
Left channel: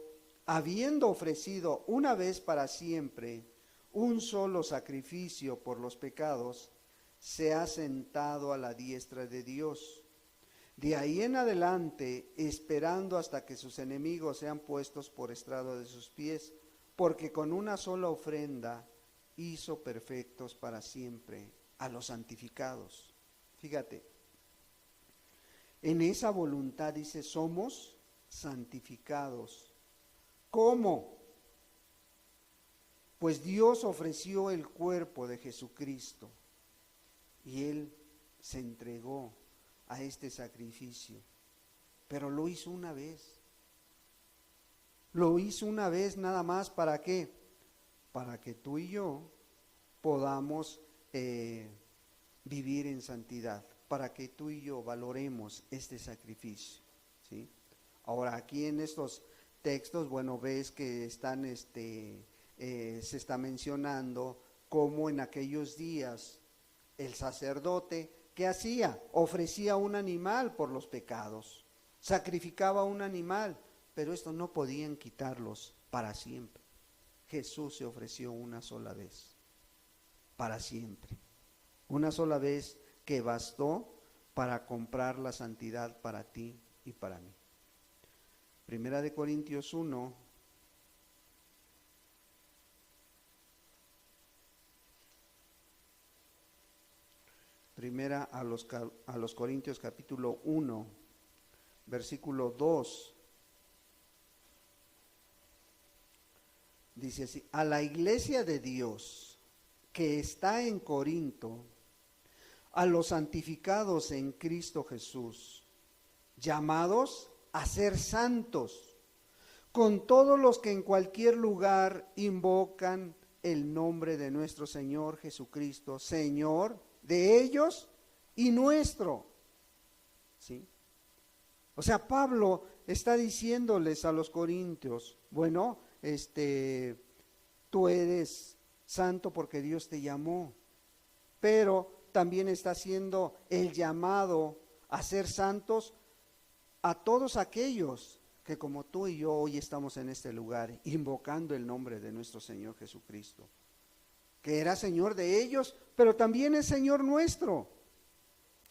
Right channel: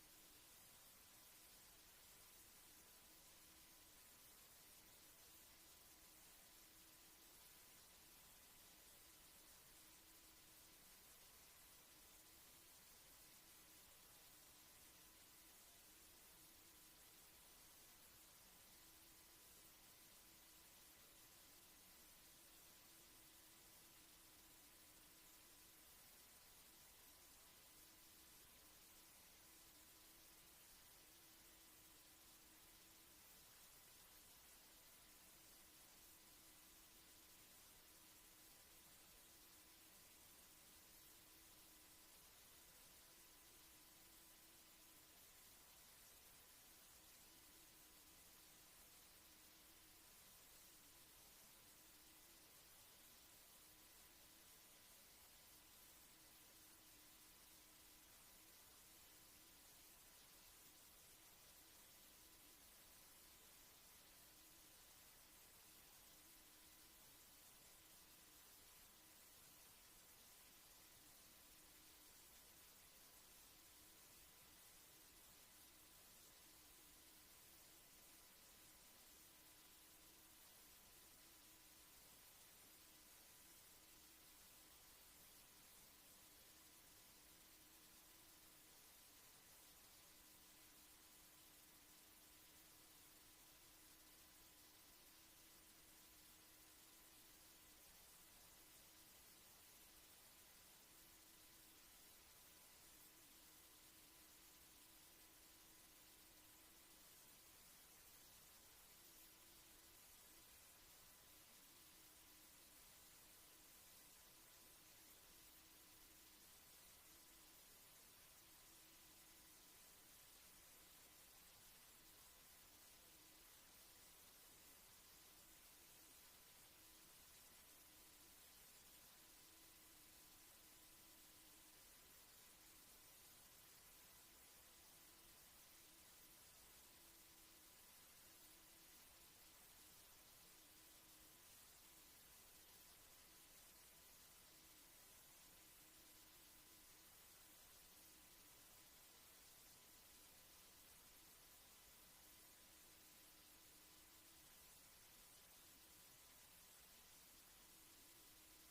habiendo ofrecido una vez para siempre un solo sacrificio por los pecados, se ha sentado a la diestra de Dios. De ahí en adelante, esperando hasta que sus enemigos sean puestos por estrado de sus pies, porque con una sola ofrenda hizo perfectos para siempre a los santificados. Fíjate, en esa voluntad dice, somos santificados. ¿Cómo? Pues Dios ofreció el cuerpo de Jesucristo y Él se entregó a este sacrificio, pero lo hizo una vez. Lo hizo una vez nada más, ¿para qué? Para que tú y yo podamos vivir en santidad, para que tú y yo valoremos este sacrificio, ¿sí? Ahora, aquí en estos textos, bueno, ves que están, se está mencionando cómo en aquellos días el sacerdote, ¿qué hacía? Ofrecía un animal por los pecados, sacrificaba un animal, pero esto no podían quitarlos para siempre. Jesús se ofreció una sola vez, para siempre, una sola vez que bastó para comprar la santidad para ti y para mí. Primera de Corintios 1, primera a los Corintios capítulo 1, versículo 2, dice así: a la iglesia de Dios que está en Corinto, a los santificados en Cristo Jesús, llamados a ser santos, con todos los que en cualquier lugar invocan el nombre de nuestro Señor Jesucristo, Señor de ellos y nuestro. ¿Sí? O sea, Pablo está diciéndoles a los corintios, bueno, tú eres santo porque Dios te llamó, pero también está haciendo el llamado a ser santos a todos aquellos que como tú y yo hoy estamos en este lugar invocando el nombre de nuestro Señor Jesucristo, que era Señor de ellos, pero también es Señor nuestro.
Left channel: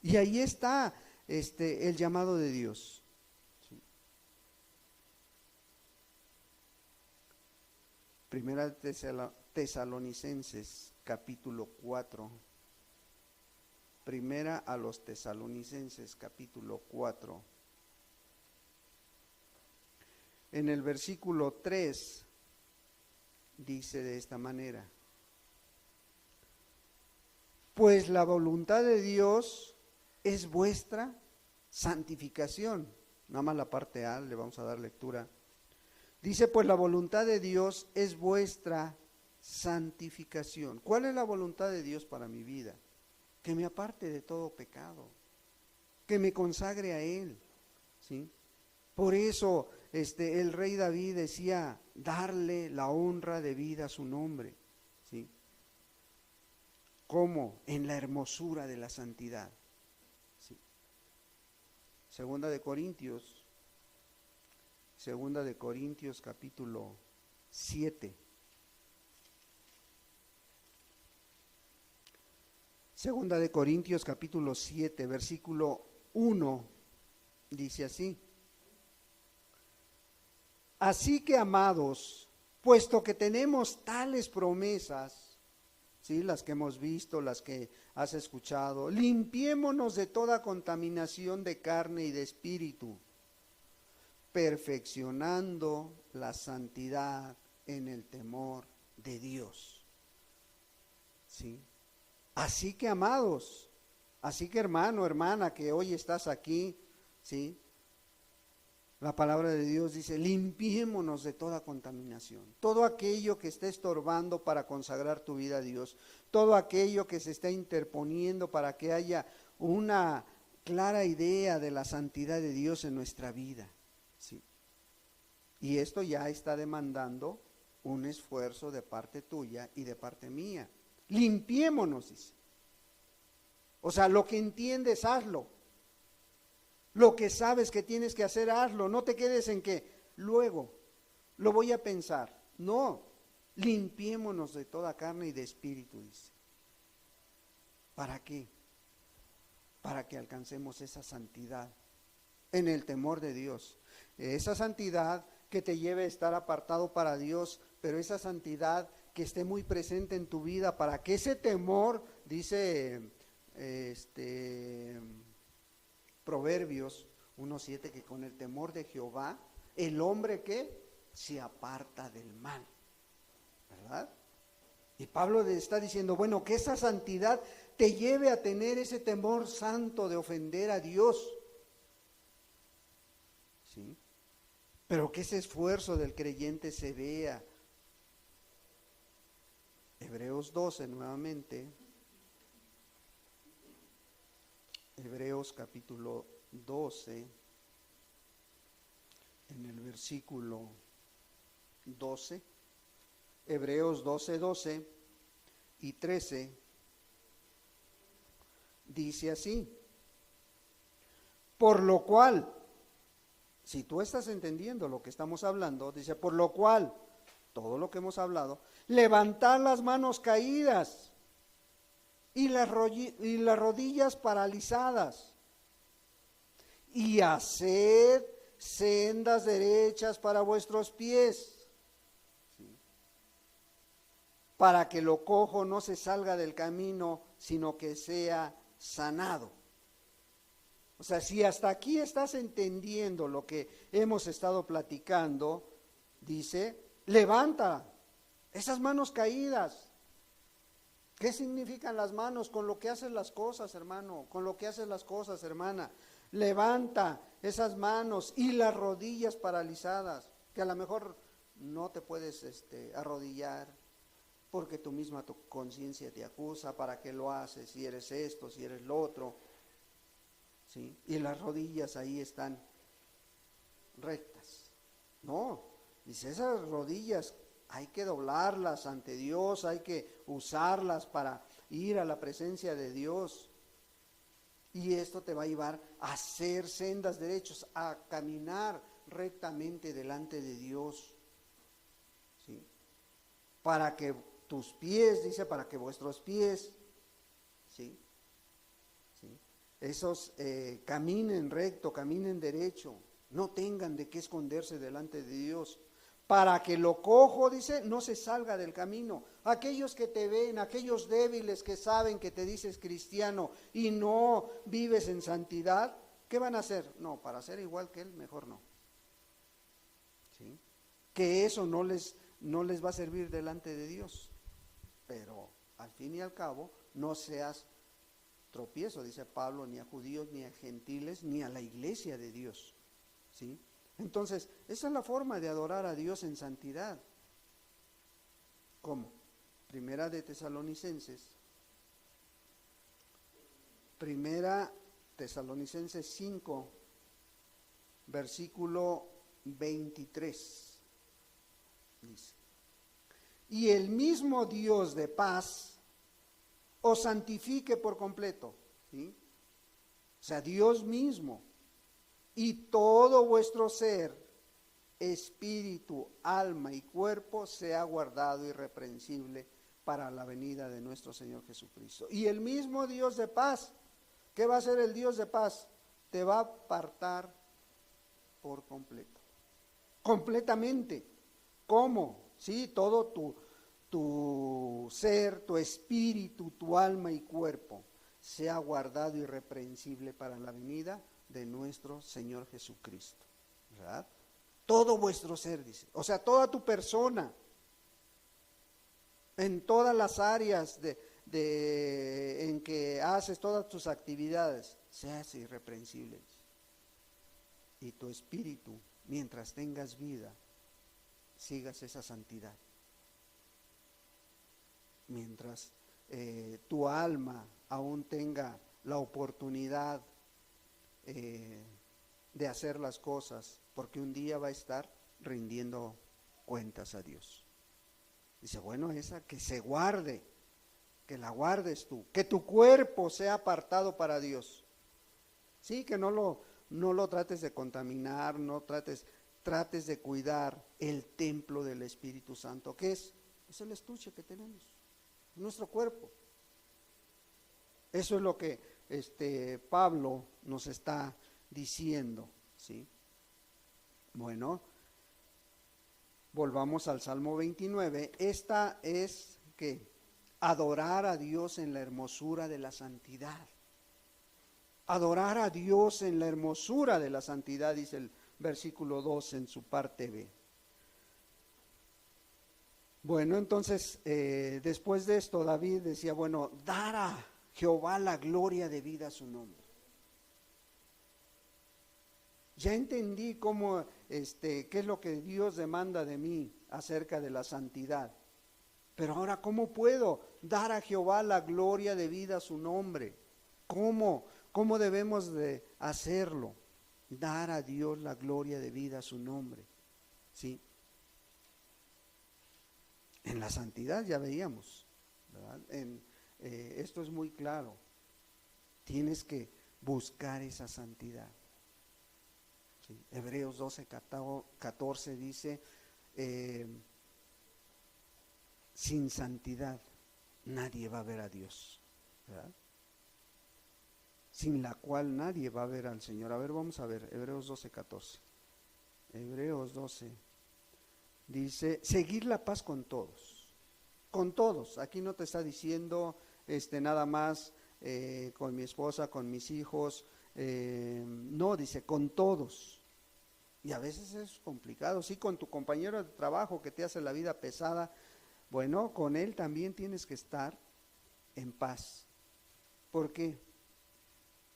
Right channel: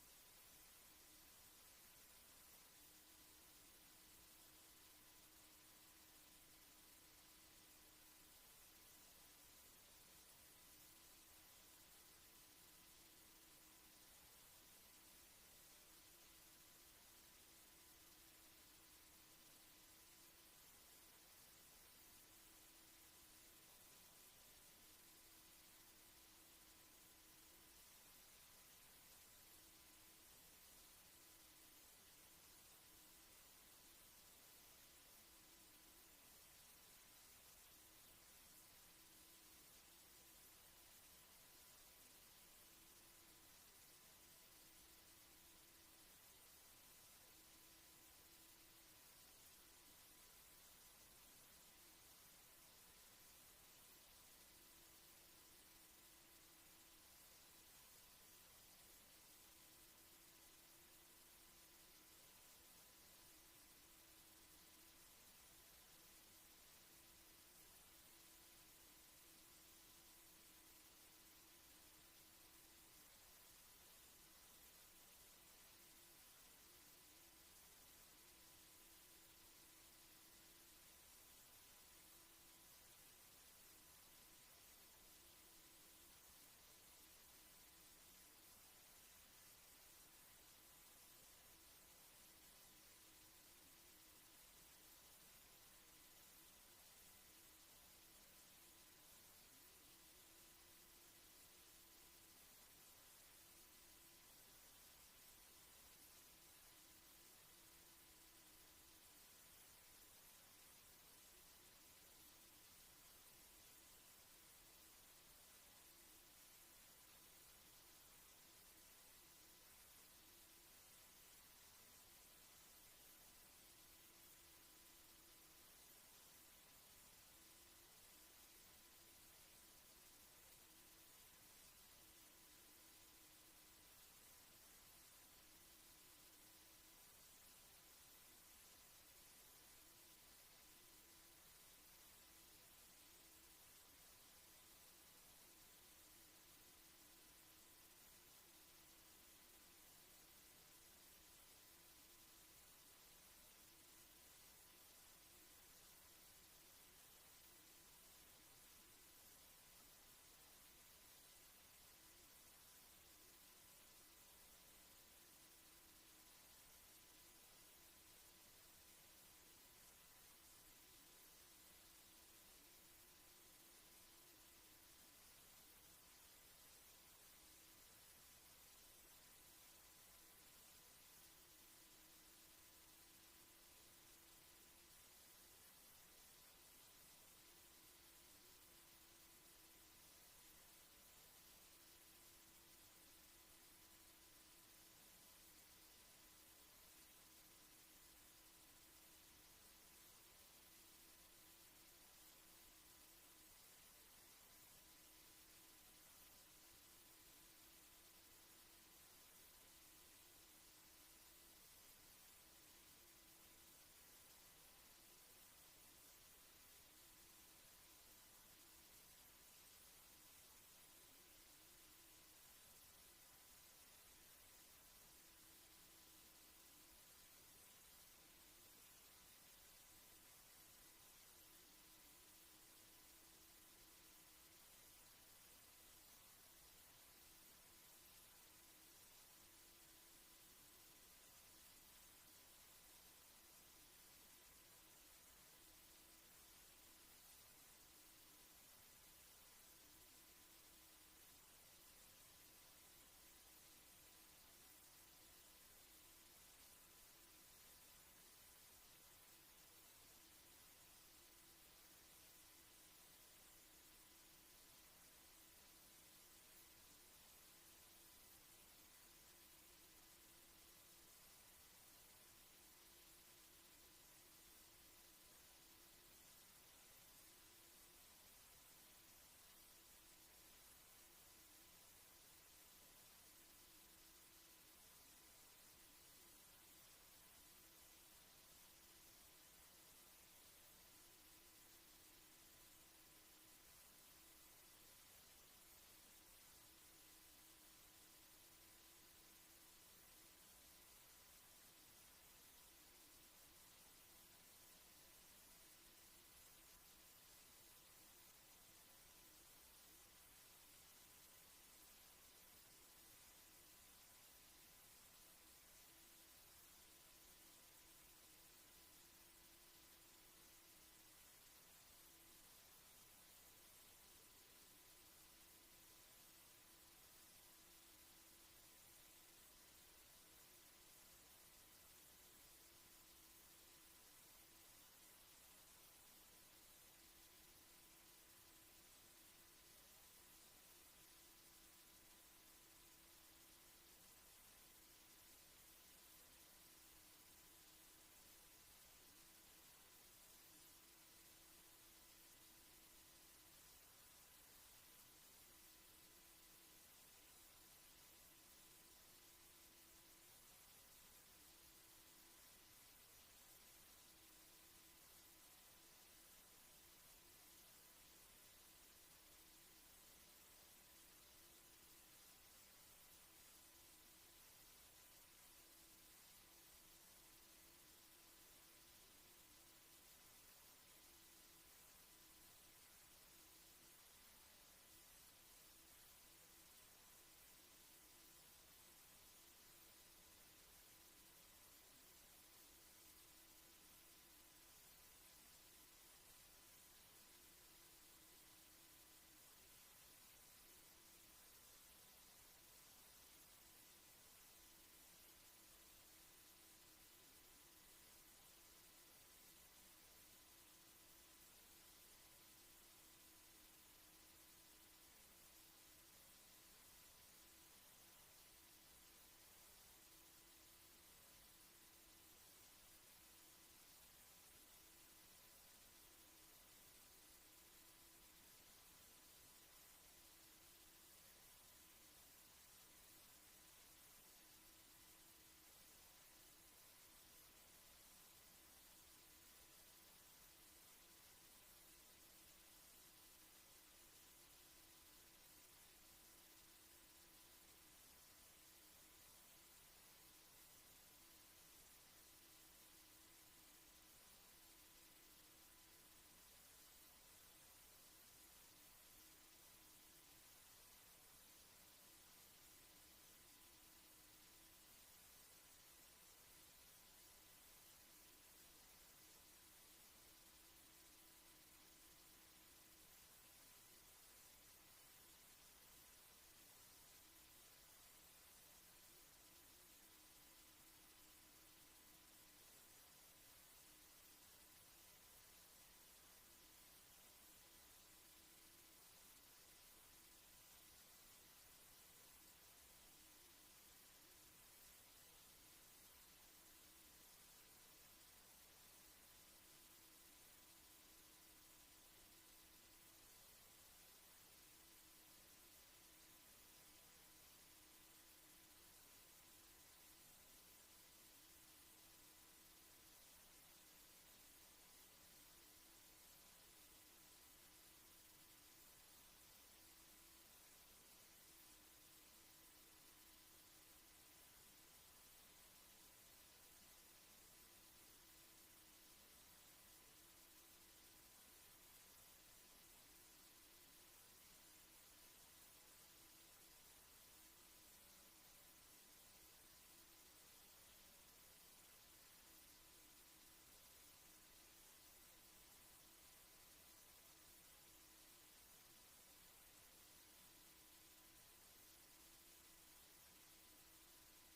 Y ahí está el llamado de Dios. ¿Sí? Primera Tesalonicenses capítulo 4. Primera a los Tesalonicenses capítulo 4. en el versículo 3 dice de esta manera: pues la voluntad de Dios es vuestra santificación. Nada más la parte A, le vamos a dar lectura. Dice, pues la voluntad de Dios es vuestra santificación. ¿Cuál es la voluntad de Dios para mi vida? Que me aparte de todo pecado, que me consagre a Él, ¿sí? Por eso el rey David decía, darle la honra debida a su nombre, ¿sí? ¿Cómo? En la hermosura de la santidad, ¿sí? Segunda de Corintios capítulo 7. Segunda de Corintios capítulo 7, versículo 1, dice así: así que, amados, puesto que tenemos tales promesas, ¿sí? Las que hemos visto, las que has escuchado, limpiémonos de toda contaminación de carne y de espíritu, perfeccionando la santidad en el temor de Dios, ¿sí? Así que, amados, así que, hermano, hermana, que hoy estás aquí, ¿sí? La palabra de Dios dice, limpiémonos de toda contaminación, todo aquello que esté estorbando para consagrar tu vida a Dios, todo aquello que se está interponiendo para que haya una clara idea de la santidad de Dios en nuestra vida, ¿sí? Y esto ya está demandando un esfuerzo de parte tuya y de parte mía. Limpiémonos, dice. O sea, lo que entiendes, hazlo. Lo que sabes que tienes que hacer, hazlo. No te quedes en que luego lo voy a pensar. No, limpiémonos de toda carne y de espíritu, dice. ¿Para qué? Para que alcancemos esa santidad en el temor de Dios. Esa santidad que te lleve a estar apartado para Dios, pero esa santidad que esté muy presente en tu vida para que ese temor, dice Proverbios 1:7, que con el temor de Jehová el hombre que se aparta del mal, ¿verdad? Y Pablo le está diciendo, bueno, que esa santidad te lleve a tener ese temor santo de ofender a Dios, ¿sí? Pero que ese esfuerzo del creyente se vea. Hebreos 12 nuevamente. Hebreos capítulo 12, en el versículo 12, Hebreos 12 y 13, dice así: por lo cual, si tú estás entendiendo lo que estamos hablando, dice, por lo cual, todo lo que hemos hablado, levantad las manos caídas y las rodillas paralizadas, y haced sendas derechas para vuestros pies, ¿sí? Para que lo cojo no se salga del camino, sino que sea sanado. O sea, si hasta aquí estás entendiendo lo que hemos estado platicando, dice, levanta esas manos caídas. ¿Qué significan las manos? Con lo que haces las cosas, hermano, con lo que haces las cosas, hermana. Levanta esas manos y las rodillas paralizadas, que a lo mejor no te puedes arrodillar porque tu misma tu conciencia te acusa, ¿para qué lo haces? Si eres esto, si eres lo otro, ¿sí? Y las rodillas ahí están rectas. No, dice, esas rodillas hay que doblarlas ante Dios, hay que usarlas para ir a la presencia de Dios. Y esto te va a llevar a hacer sendas derechos, a caminar rectamente delante de Dios, ¿sí? Para que tus pies, dice, para que vuestros pies, ¿sí? ¿Sí? Esos caminen recto, caminen derecho, no tengan de qué esconderse delante de Dios. Para que lo cojo, dice, no se salga del camino. Aquellos que te ven, aquellos débiles que saben que te dices cristiano y no vives en santidad, ¿qué van a hacer? No, para ser igual que él, mejor no. ¿Sí? que eso no les va a servir delante de Dios. Pero al fin y al cabo, no seas tropiezo, dice Pablo, ni a judíos, ni a gentiles, ni a la iglesia de Dios. ¿Sí? Entonces, esa es la forma de adorar a Dios en santidad. ¿Cómo? Primera de Tesalonicenses 5, versículo 23. Dice: y el mismo Dios de paz os santifique por completo. ¿Sí? O sea, Dios mismo, y todo vuestro ser, espíritu, alma y cuerpo sea guardado irreprensible para la venida de nuestro Señor Jesucristo. Y el mismo Dios de paz, ¿qué va a hacer el Dios de paz? Te va a apartar por completo, completamente. ¿Cómo? Sí, todo tu ser, tu espíritu, tu alma y cuerpo sea guardado irreprensible para la venida de nuestro Señor Jesucristo, ¿verdad? Todo vuestro ser, dice, o sea, toda tu persona, en todas las áreas en que haces todas tus actividades, seas irreprensible. Y tu espíritu, mientras tengas vida, sigas esa santidad. Mientras tu alma aún tenga la oportunidad de hacer las cosas, porque un día va a estar rindiendo cuentas a Dios. Dice, bueno, esa que se guarde, que la guardes tú, que tu cuerpo sea apartado para Dios. Sí, que no lo trates de contaminar, no trates de cuidar el templo del Espíritu Santo, que es el estuche que tenemos, nuestro cuerpo. Eso es lo que Pablo nos está diciendo, ¿sí? Bueno, volvamos al Salmo 29. Esta es que adorar a Dios en la hermosura de la santidad. Adorar a Dios en la hermosura de la santidad, dice el versículo 2 en su parte B. Bueno, entonces, después de esto, David decía, bueno, dar a Jehová la gloria debida a su nombre. Ya entendí cómo, qué es lo que Dios demanda de mí acerca de la santidad. Pero ahora, ¿cómo puedo dar a Jehová la gloria debida a su nombre? ¿Cómo debemos de hacerlo? Dar a Dios la gloria debida a su nombre. ¿Sí? En la santidad ya veíamos, ¿verdad? Esto es muy claro. Tienes que buscar esa santidad. ¿Sí? Hebreos 12:14 dice, sin santidad nadie va a ver a Dios, ¿verdad? Sin la cual nadie va a ver al Señor. A ver, vamos a ver, Hebreos 12:14. Hebreos 12 dice, seguir la paz con todos. Con todos. Aquí no te está diciendo nada más con mi esposa, con mis hijos. No, dice con todos. Y a veces es complicado. Sí, con tu compañero de trabajo que te hace la vida pesada. Bueno, con él también tienes que estar en paz. ¿Por qué?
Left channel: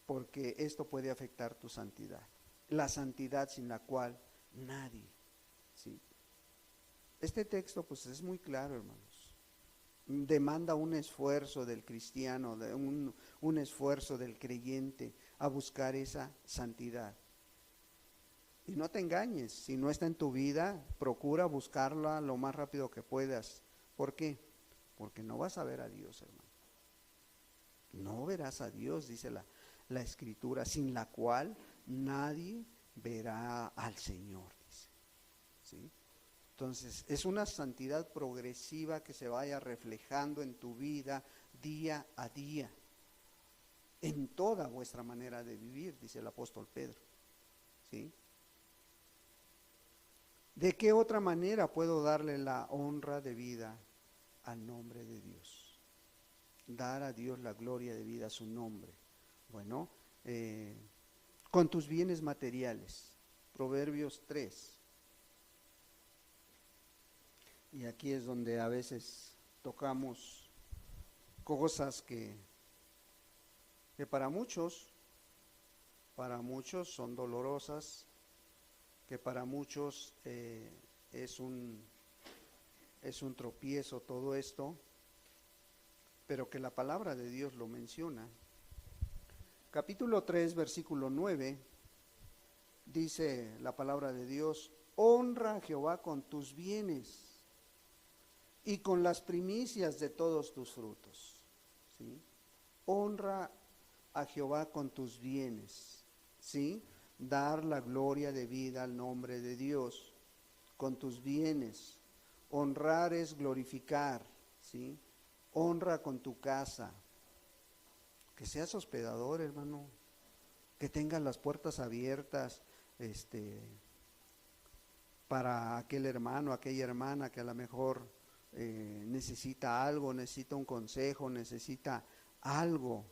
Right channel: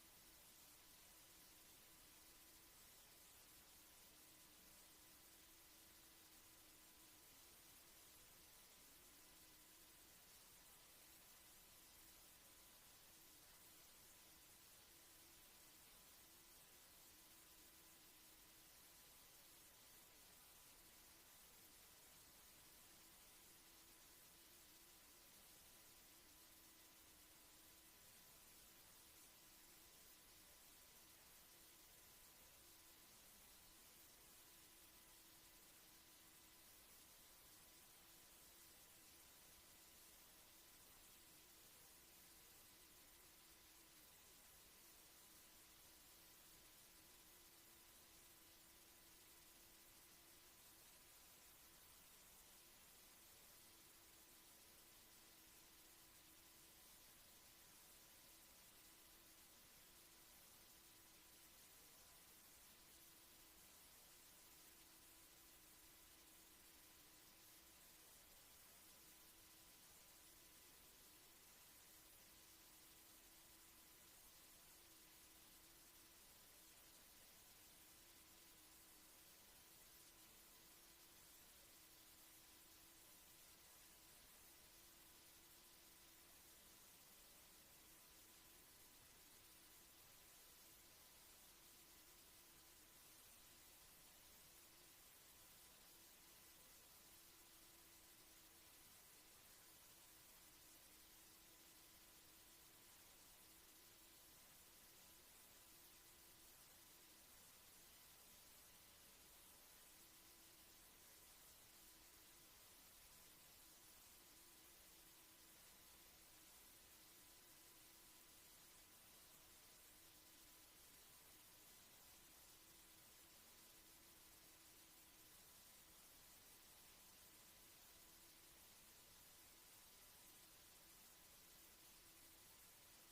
Porque esto puede afectar tu santidad. La santidad sin la cual nadie. ¿Sí? Este texto pues es muy claro, hermanos. Demanda un esfuerzo del cristiano, un esfuerzo del creyente a buscar esa santidad. Y no te engañes, si no está en tu vida, procura buscarla lo más rápido que puedas. ¿Por qué? Porque no vas a ver a Dios, hermano. No verás a Dios, dice la Escritura, sin la cual nadie verá al Señor, dice. ¿Sí? Entonces, es una santidad progresiva que se vaya reflejando en tu vida día a día, en toda vuestra manera de vivir, dice el apóstol Pedro. ¿Sí? ¿De qué otra manera puedo darle la honra de vida al nombre de Dios? Dar a Dios la gloria de vida a su nombre. Bueno, con tus bienes materiales. Proverbios 3. Y aquí es donde a veces tocamos cosas que para muchos son dolorosas, que para muchos es un tropiezo todo esto, pero que la palabra de Dios lo menciona. Capítulo 3, versículo 9, dice la palabra de Dios: honra a Jehová con tus bienes y con las primicias de todos tus frutos. ¿Sí? Honra a Jehová con tus bienes, ¿sí? Dar la gloria de vida al nombre de Dios con tus bienes. Honrar es glorificar, ¿sí? Honra con tu casa. Que seas hospedador, hermano, que tengas las puertas abiertas, para aquel hermano, aquella hermana que a lo mejor necesita algo, necesita un consejo, necesita algo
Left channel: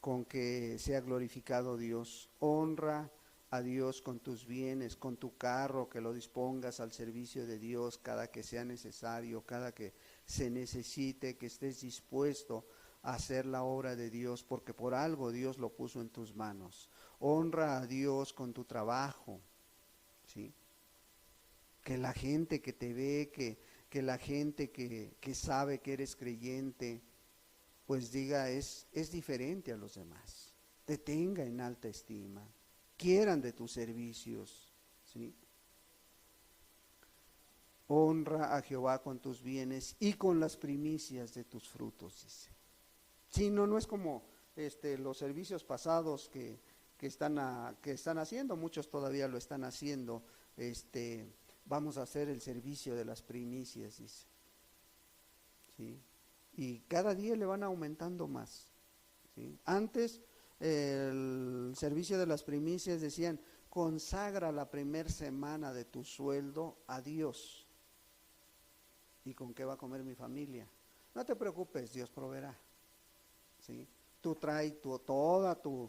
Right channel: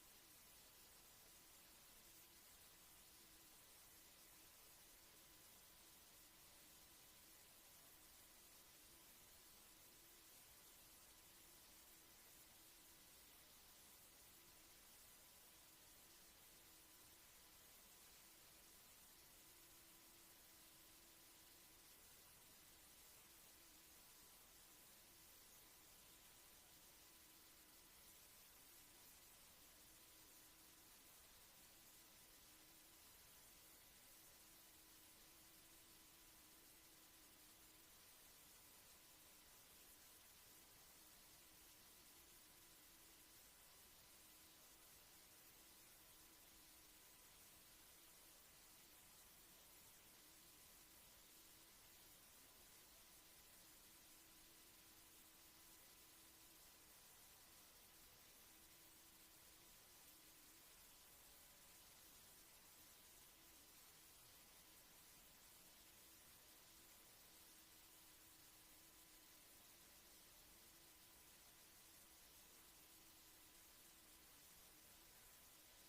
con que sea glorificado Dios. Honra a Dios con tus bienes, con tu carro, que lo dispongas al servicio de Dios cada que sea necesario, cada que se necesite, que estés dispuesto a hacer la obra de Dios, porque por algo Dios lo puso en tus manos. Honra a Dios con tu trabajo, ¿sí? Que la gente que te ve, que la gente que sabe que eres creyente, pues diga, es diferente a los demás, te tenga en alta estima, quieran de tus servicios, ¿sí? Honra a Jehová con tus bienes y con las primicias de tus frutos, dice. Si no es como los servicios pasados que están haciendo, muchos todavía lo están haciendo, vamos a hacer el servicio de las primicias, dice. ¿Sí? Y cada día le van aumentando más, ¿sí? Antes el servicio de las primicias decían: consagra la primera semana de tu sueldo a Dios. ¿Y con qué va a comer mi familia? No te preocupes, Dios proveerá, ¿sí? Tú traes toda tu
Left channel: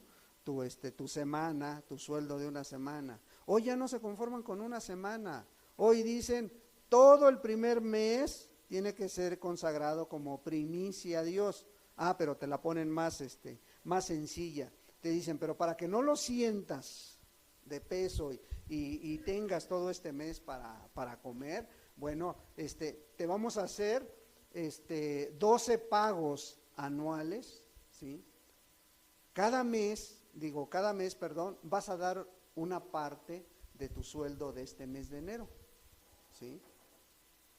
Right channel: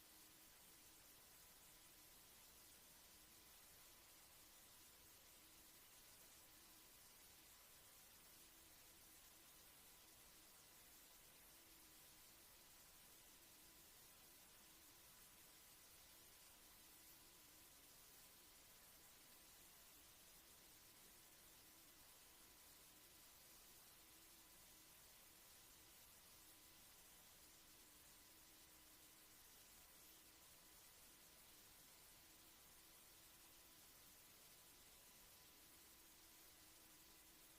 semana, tu sueldo de una semana. Hoy ya no se conforman con una semana. Hoy dicen, todo el primer mes tiene que ser consagrado como primicia a Dios. Ah, pero te la ponen más sencilla. Te dicen, pero para que no lo sientas de peso y tengas todo este mes para comer, bueno, te vamos a hacer 12 pagos anuales, ¿sí? Cada mes, vas a dar una parte de tu sueldo de este mes de enero, ¿sí?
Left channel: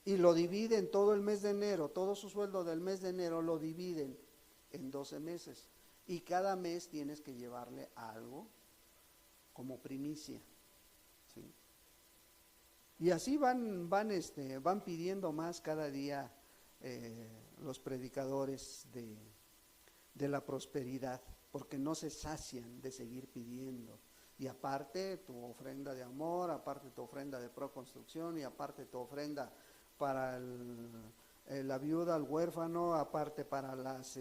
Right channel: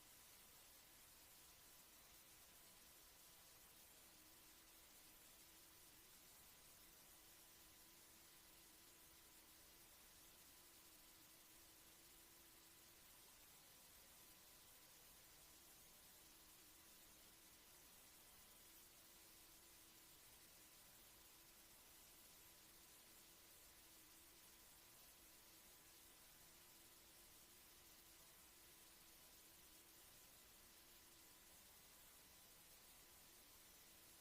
Y lo dividen todo el mes de enero, todo su sueldo del mes de enero lo dividen en 12 meses. Y cada mes tienes que llevarle algo como primicia, ¿sí? Y así van pidiendo más cada día los predicadores de la prosperidad, porque no se sacian de seguir pidiendo. Y aparte tu ofrenda de amor, aparte tu ofrenda de proconstrucción, y aparte tu ofrenda para la viuda, el huérfano, aparte para las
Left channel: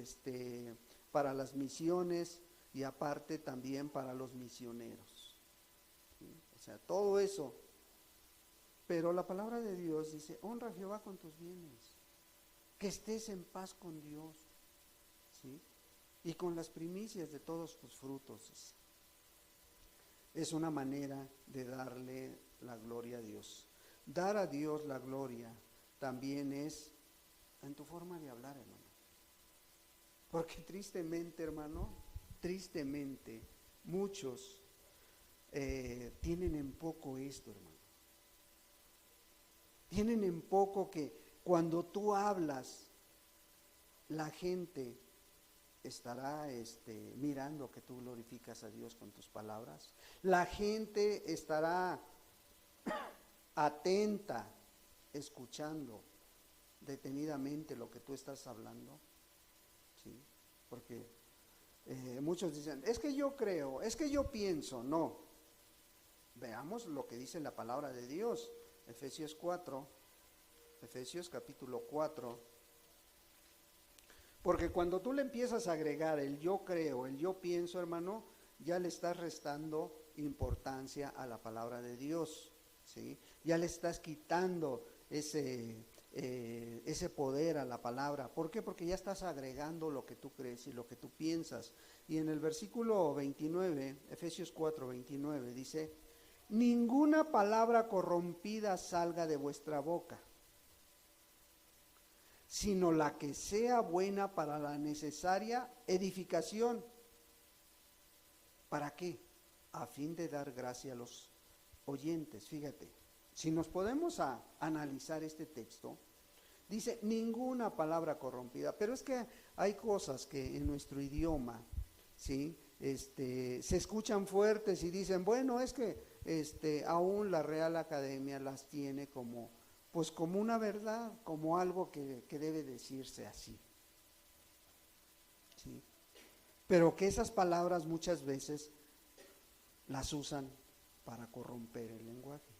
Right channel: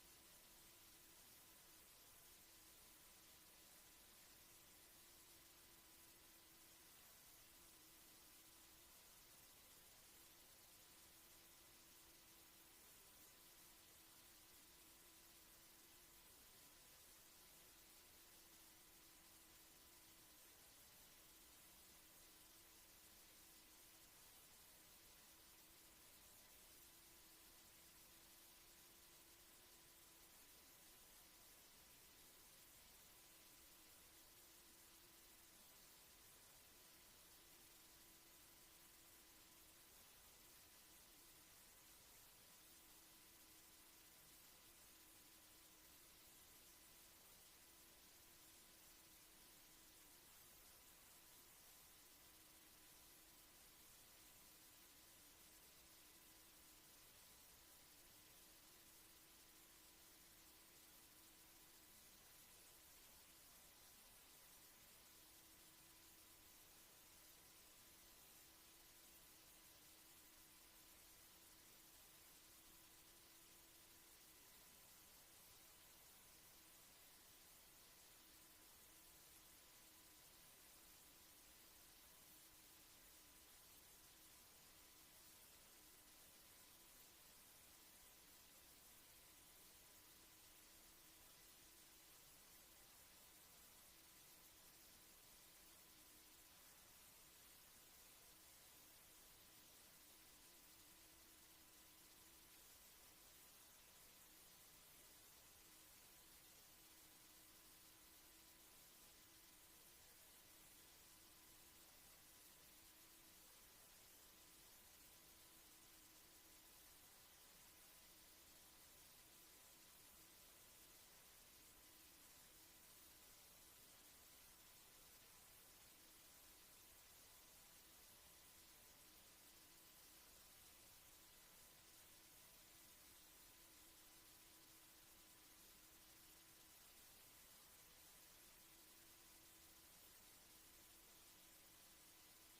misiones, y aparte también para los misioneros, ¿sí? O sea, todo eso. Pero la palabra de Dios dice: honra a Jehová con tus bienes, que estés en paz con Dios, ¿sí? Y con las primicias de todos tus frutos. Es una manera de darle la gloria a Dios. Dar a Dios la gloria también es en tu forma de hablar, hermano. Porque tristemente, hermano, muchos tienen en poco esto, hermano. Tienen en poco que cuando tú hablas, la gente estará mirando que tú glorificas a Dios con tus palabras. La gente estará atenta, escuchando detenidamente lo que tú estás hablando, ¿sí? Porque muchos dicen, es que yo creo, es que yo pienso. No, veamos lo que dice la palabra de Dios. Efesios capítulo 4. Porque cuando tú le empiezas a agregar el yo creo, el yo pienso, hermano, ya le estás restando importancia a la palabra de Dios, ¿sí? Ya le estás quitando ese poder a la palabra. ¿Por qué? Porque ya estás agregando lo que tú crees y lo que tú piensas. Y en el versículo 29, Efesios 4, 29, dice: ninguna palabra corrompida salga de vuestra boca, sino la que sea buena para la necesaria edificación. ¿Para qué? A fin de dar gracia a los oyentes. Fíjate, si nos podemos analizar este texto, dice ninguna palabra corrompida, pero es que hay cosas que en nuestro idioma, ¿sí? Se escuchan fuertes y dicen, bueno, es que aún la Real Academia las tiene como, pues como una verdad, como algo que debe decirse así, ¿sí? Pero que esas palabras muchas veces las usan para corromper el lenguaje,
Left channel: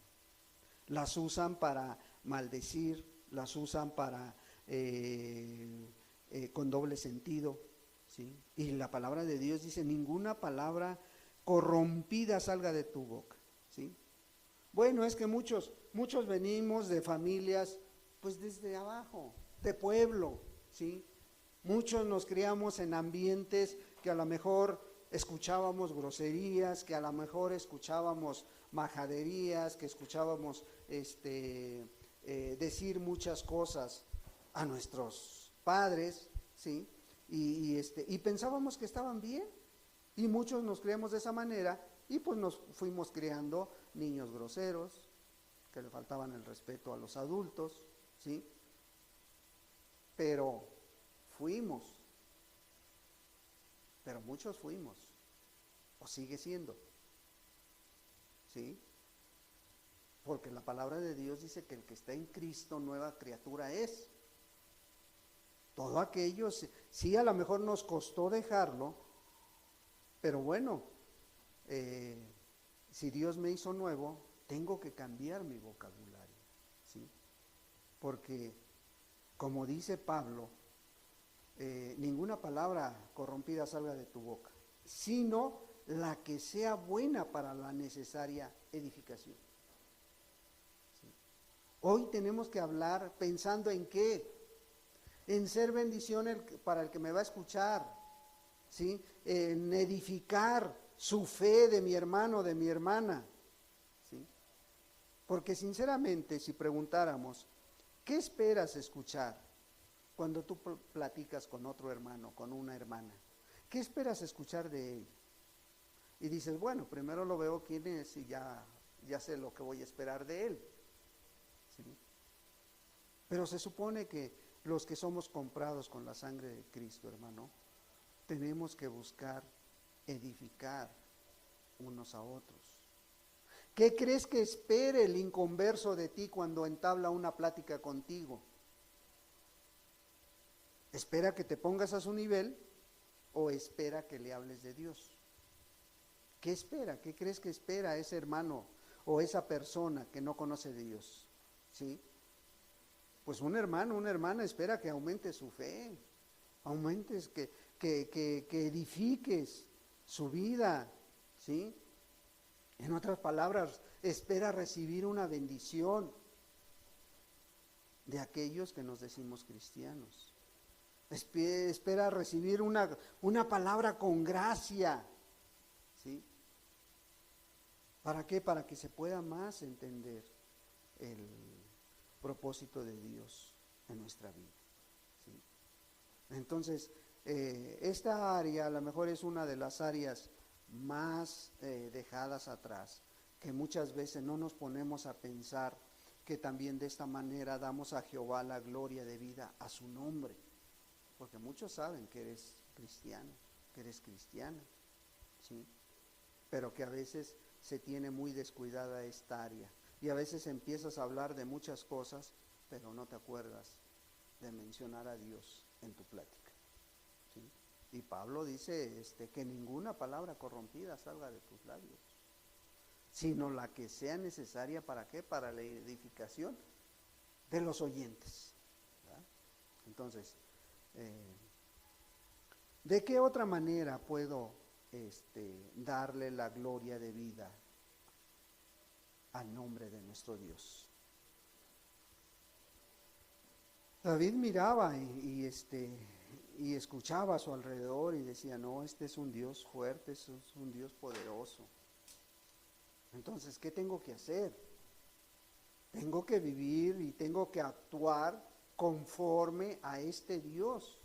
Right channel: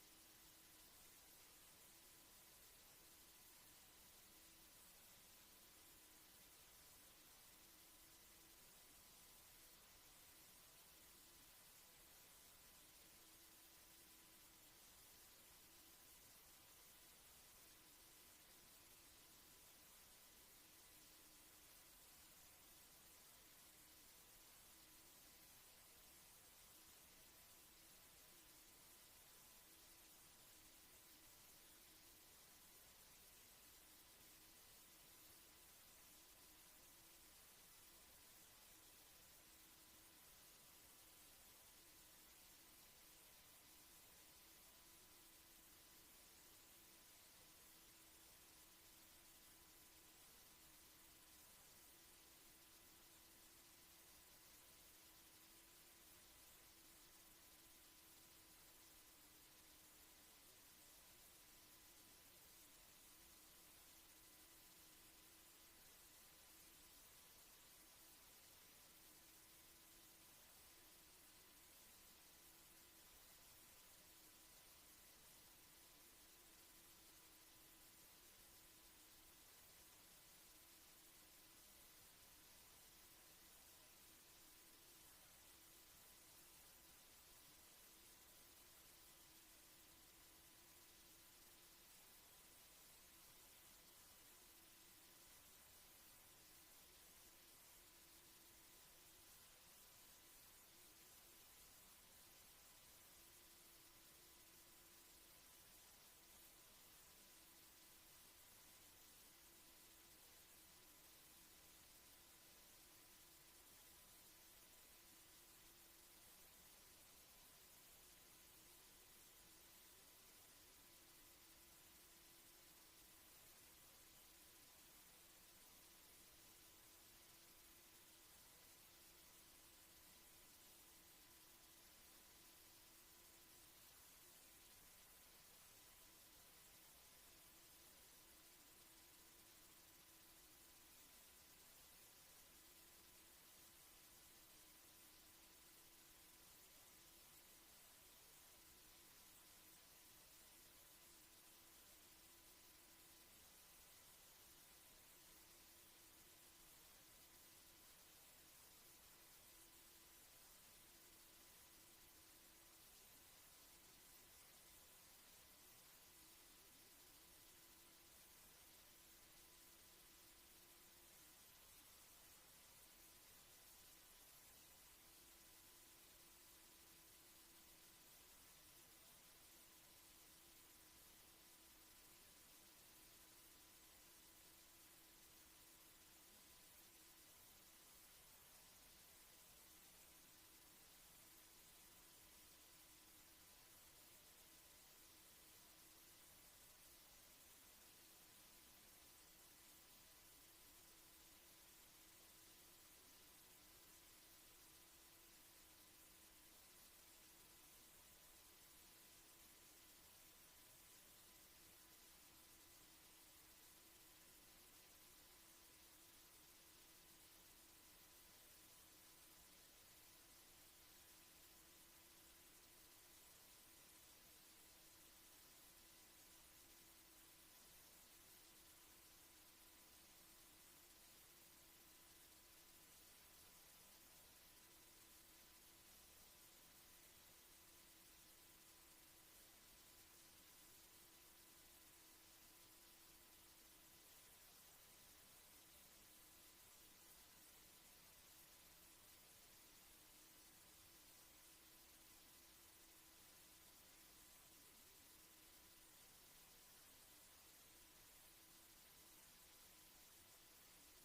las usan para maldecir, las usan para con doble sentido, ¿sí? Y la palabra de Dios dice, ninguna palabra corrompida salga de tu boca, ¿sí? Bueno, es que muchos venimos de familias, pues desde abajo, de pueblo, ¿sí? Muchos nos criamos en ambientes que a lo mejor escuchábamos groserías, que a lo mejor escuchábamos majaderías, que escuchábamos decir muchas cosas a nuestros padres, ¿sí? Y pensábamos que estaban bien, y muchos nos criamos de esa manera, y pues nos fuimos criando niños groseros, que le faltaban el respeto a los adultos, ¿sí? Pero muchos fuimos, o sigue siendo, ¿sí? Porque la palabra de Dios dice que el que está en Cristo, nueva criatura es. Todo aquello, sí, a lo mejor nos costó dejarlo, pero bueno, si Dios me hizo nuevo, tengo que cambiar mi vocabulario, ¿sí? Porque, como dice Pablo, ninguna palabra corrompida salga de tu boca, sino la que sea buena para la necesaria edificación. ¿Sí? Hoy tenemos que hablar pensando en qué, en ser bendición para el que me va a escuchar, ¿sí? En edificar su fe de mi hermano, de mi hermana, ¿sí? Porque sinceramente, si preguntáramos, ¿qué esperas escuchar cuando tú platicas con otro hermano, con una hermana? ¿Qué esperas escuchar de él? Y dices, bueno, primero lo veo quién es y ya sé lo que voy a esperar de él, ¿sí? Pero se supone que los que somos comprados con la sangre de Cristo, hermano, tenemos que buscar edificar unos a otros. ¿Qué crees que espere el inconverso de ti cuando entabla una plática contigo? ¿Espera que te pongas a su nivel o espera que le hables de Dios? ¿Qué espera? ¿Qué crees que espera ese hermano o esa persona que no conoce de Dios? ¿Sí? Pues un hermano, una hermana espera que aumente su fe, aumentes, que edifiques su vida, ¿sí? En otras palabras, espera recibir una bendición de aquellos que nos decimos cristianos. Espera recibir una palabra con gracia, ¿sí? ¿Para qué? Para que se pueda más entender el propósito de Dios en nuestra vida, ¿sí? Entonces, esta área a lo mejor es una de las áreas más dejadas atrás, que muchas veces no nos ponemos a pensar que también de esta manera damos a Jehová la gloria debida a su nombre, porque muchos saben que eres cristiano, que eres cristiana, ¿sí? Pero que a veces se tiene muy descuidada esta área, y a veces empiezas a hablar de muchas cosas, pero no te acuerdas de mencionar a Dios en tu plática, ¿sí? Y Pablo dice que ninguna palabra corrompida salga de tus labios, sino la que sea necesaria, ¿para qué? Para la edificación de los oyentes, ¿verdad? Entonces, ¿de qué otra manera puedo darle la gloria de vida al nombre de nuestro Dios? David miraba y escuchaba a su alrededor y decía, no, este es un Dios fuerte, este es un Dios poderoso. Entonces, ¿qué tengo que hacer? Tengo que vivir y tengo que actuar conforme a este Dios,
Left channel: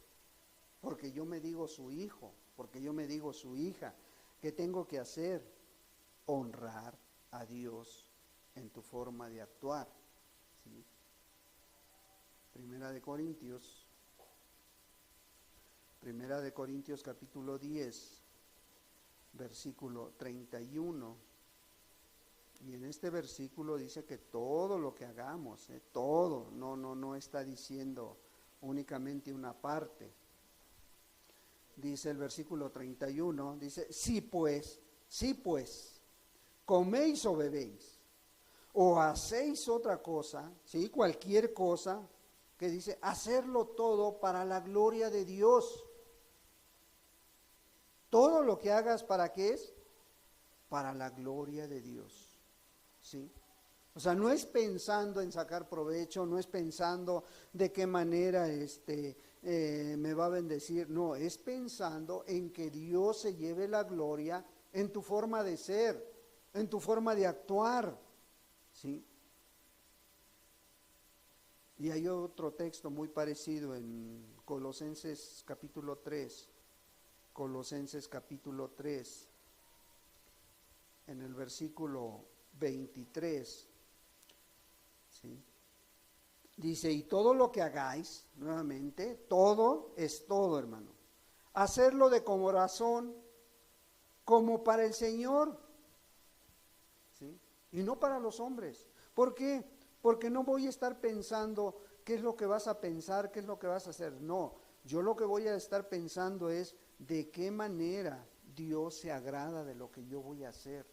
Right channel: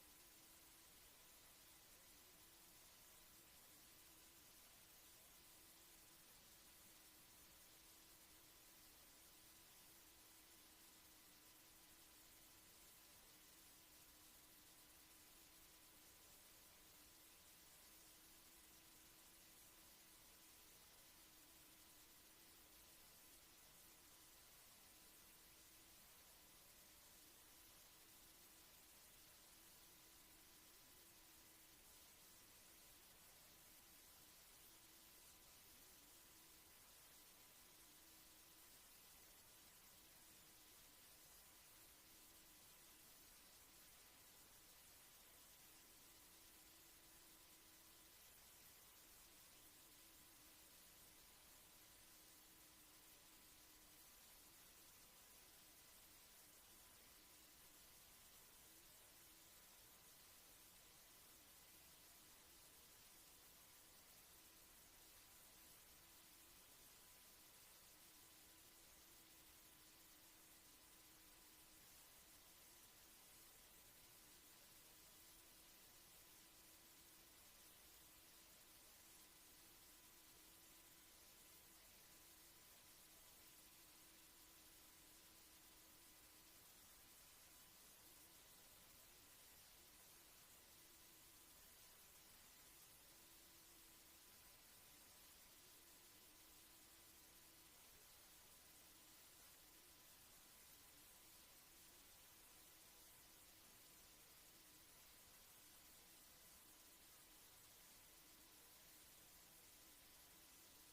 porque yo me digo su hijo, porque yo me digo su hija. ¿Qué tengo que hacer? Honrar a Dios en tu forma de actuar. ¿Sí? Primera de Corintios capítulo 10, versículo 31. Y en este versículo dice que todo lo que hagamos, todo, no está diciendo únicamente una parte. Dice el versículo 31, dice, sí pues, coméis o bebéis, o hacéis otra cosa, ¿sí? Cualquier cosa, que dice, hacerlo todo para la gloria de Dios. Todo lo que hagas, ¿para qué es? Para la gloria de Dios, ¿sí? O sea, no es pensando en sacar provecho, no es pensando de qué manera me va a bendecir, no, es pensando en que Dios se lleve la gloria en tu forma de ser, en tu forma de actuar, ¿sí? Y hay otro texto muy parecido en Colosenses capítulo 3, en el versículo 23, ¿sí? Dice, y todo lo que hagáis, nuevamente, todo es todo, hermano. Hacerlo de corazón, como para el Señor, ¿sí? Y no para los hombres. ¿Por qué? Porque no voy a estar pensando qué es lo que vas a pensar, qué es lo que vas a hacer. No, yo lo que voy a estar pensando es de qué manera Dios se agrada de lo que yo voy a hacer.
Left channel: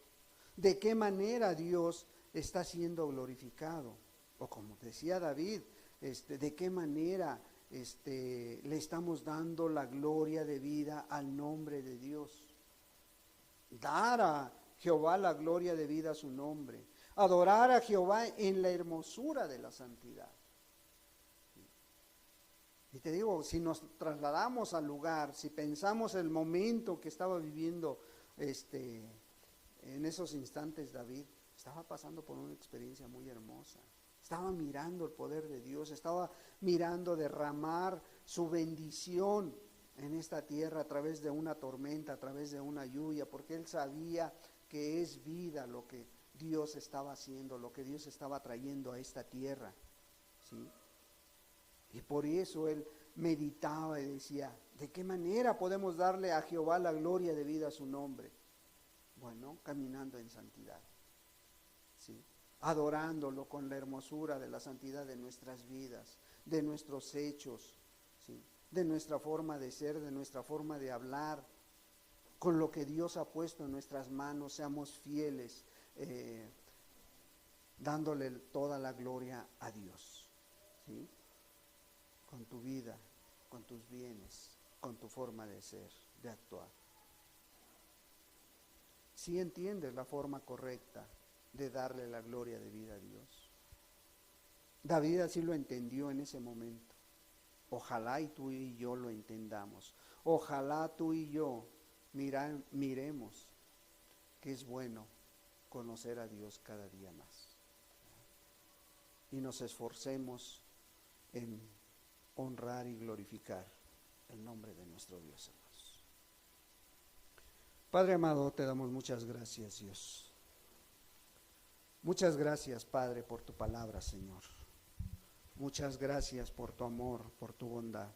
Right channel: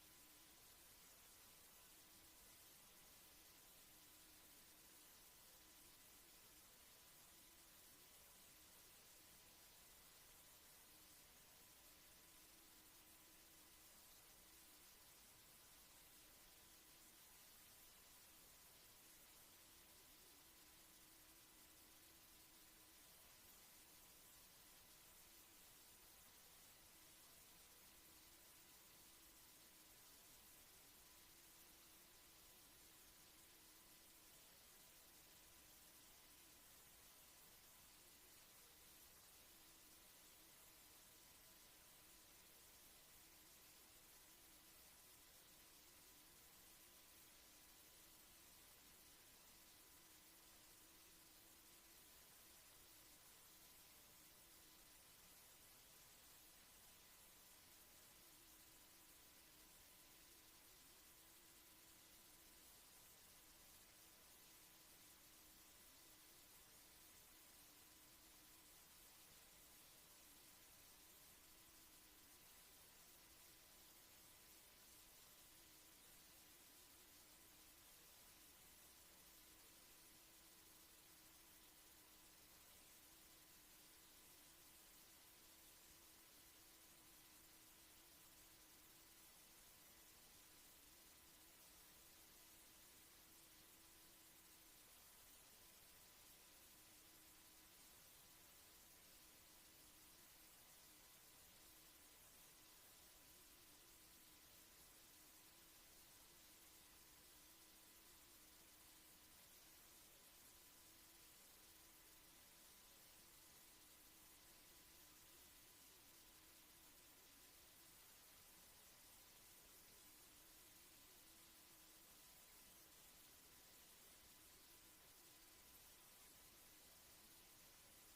De qué manera Dios está siendo glorificado. O como decía David, de qué manera le estamos dando la gloria de vida al nombre de Dios. Dar a Jehová la gloria de vida a su nombre. Adorar a Jehová en la hermosura de la santidad. Y te digo, si nos trasladamos al lugar, si pensamos el momento que estaba viviendo en esos instantes David, estaba pasando por una experiencia muy hermosa. Estaba mirando el poder de Dios, estaba mirando derramar su bendición en esta tierra a través de una tormenta, a través de una lluvia, porque él sabía que es vida lo que Dios estaba haciendo, lo que Dios estaba trayendo a esta tierra, ¿sí? Y por eso él meditaba y decía, ¿de qué manera podemos darle a Jehová la gloria de vida a su nombre? Bueno, caminando en santidad, ¿sí? Adorándolo con la hermosura de la santidad de nuestras vidas, de nuestros hechos, ¿sí? De nuestra forma de ser, de nuestra forma de hablar, con lo que Dios ha puesto en nuestras manos, seamos fieles, dándole toda la gloria a Dios, ¿sí? Con tu vida, con tus bienes, con tu forma de ser, de actuar. Si entiendes la forma correcta de darle la gloria de vida a Dios. David así lo entendió en ese momento. Ojalá y tú y yo lo entendamos. Ojalá tú y yo miremos que es bueno conocer a Dios cada día más. Y nos esforcemos en honrar y glorificar el nombre de nuestro Dios, hermanos. Padre amado, te damos muchas gracias, Dios. Muchas gracias, Padre, por tu palabra, Señor. Muchas gracias por tu amor, por tu bondad.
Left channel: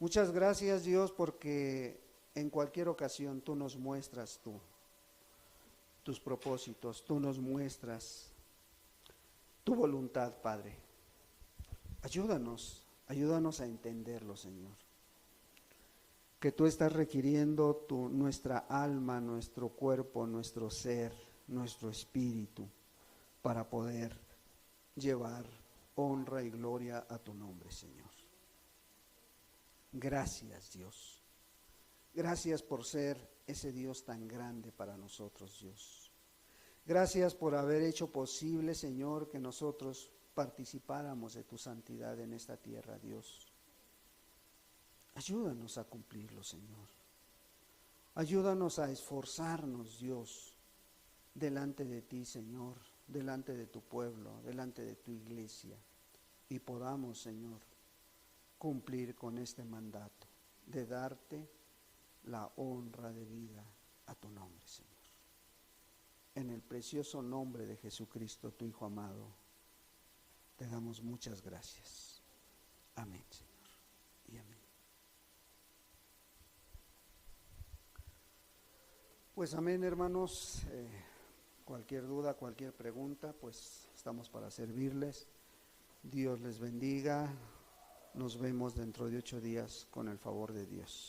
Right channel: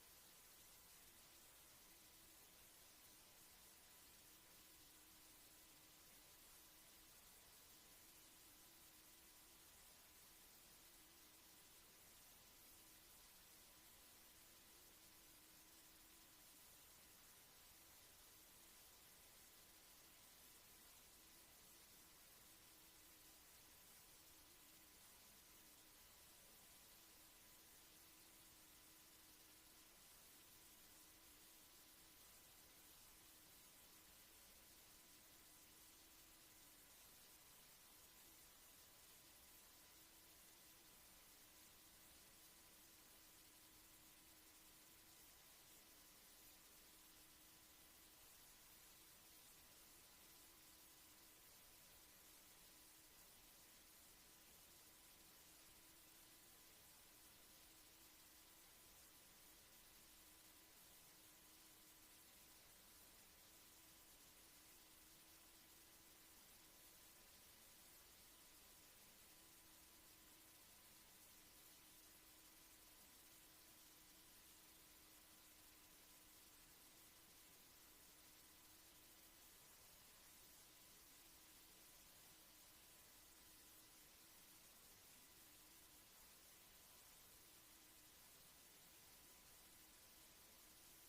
Muchas gracias, Dios, porque en cualquier ocasión tú nos muestras tus propósitos, tú nos muestras tu voluntad, Padre. Ayúdanos a entenderlo, Señor. Que tú estás requiriendo nuestra alma, nuestro cuerpo, nuestro ser, nuestro espíritu, para poder llevar honra y gloria a tu nombre, Señor. Gracias, Dios. Gracias por ser ese Dios tan grande para nosotros, Dios. Gracias por haber hecho posible, Señor, que nosotros participáramos de tu santidad en esta tierra, Dios. Ayúdanos a cumplirlo, Señor. Ayúdanos a esforzarnos, Dios, delante de ti, Señor, delante de tu pueblo, delante de tu iglesia, y podamos, Señor, cumplir con este mandato de darte la honra de vida a tu nombre, Señor. En el precioso nombre de Jesucristo, tu Hijo amado, te damos muchas gracias. Amén, Señor, y amén. Pues amén, hermanos. Cualquier duda, cualquier pregunta, pues estamos para servirles. Dios les bendiga. Nos vemos dentro de 8 días con el favor de Dios.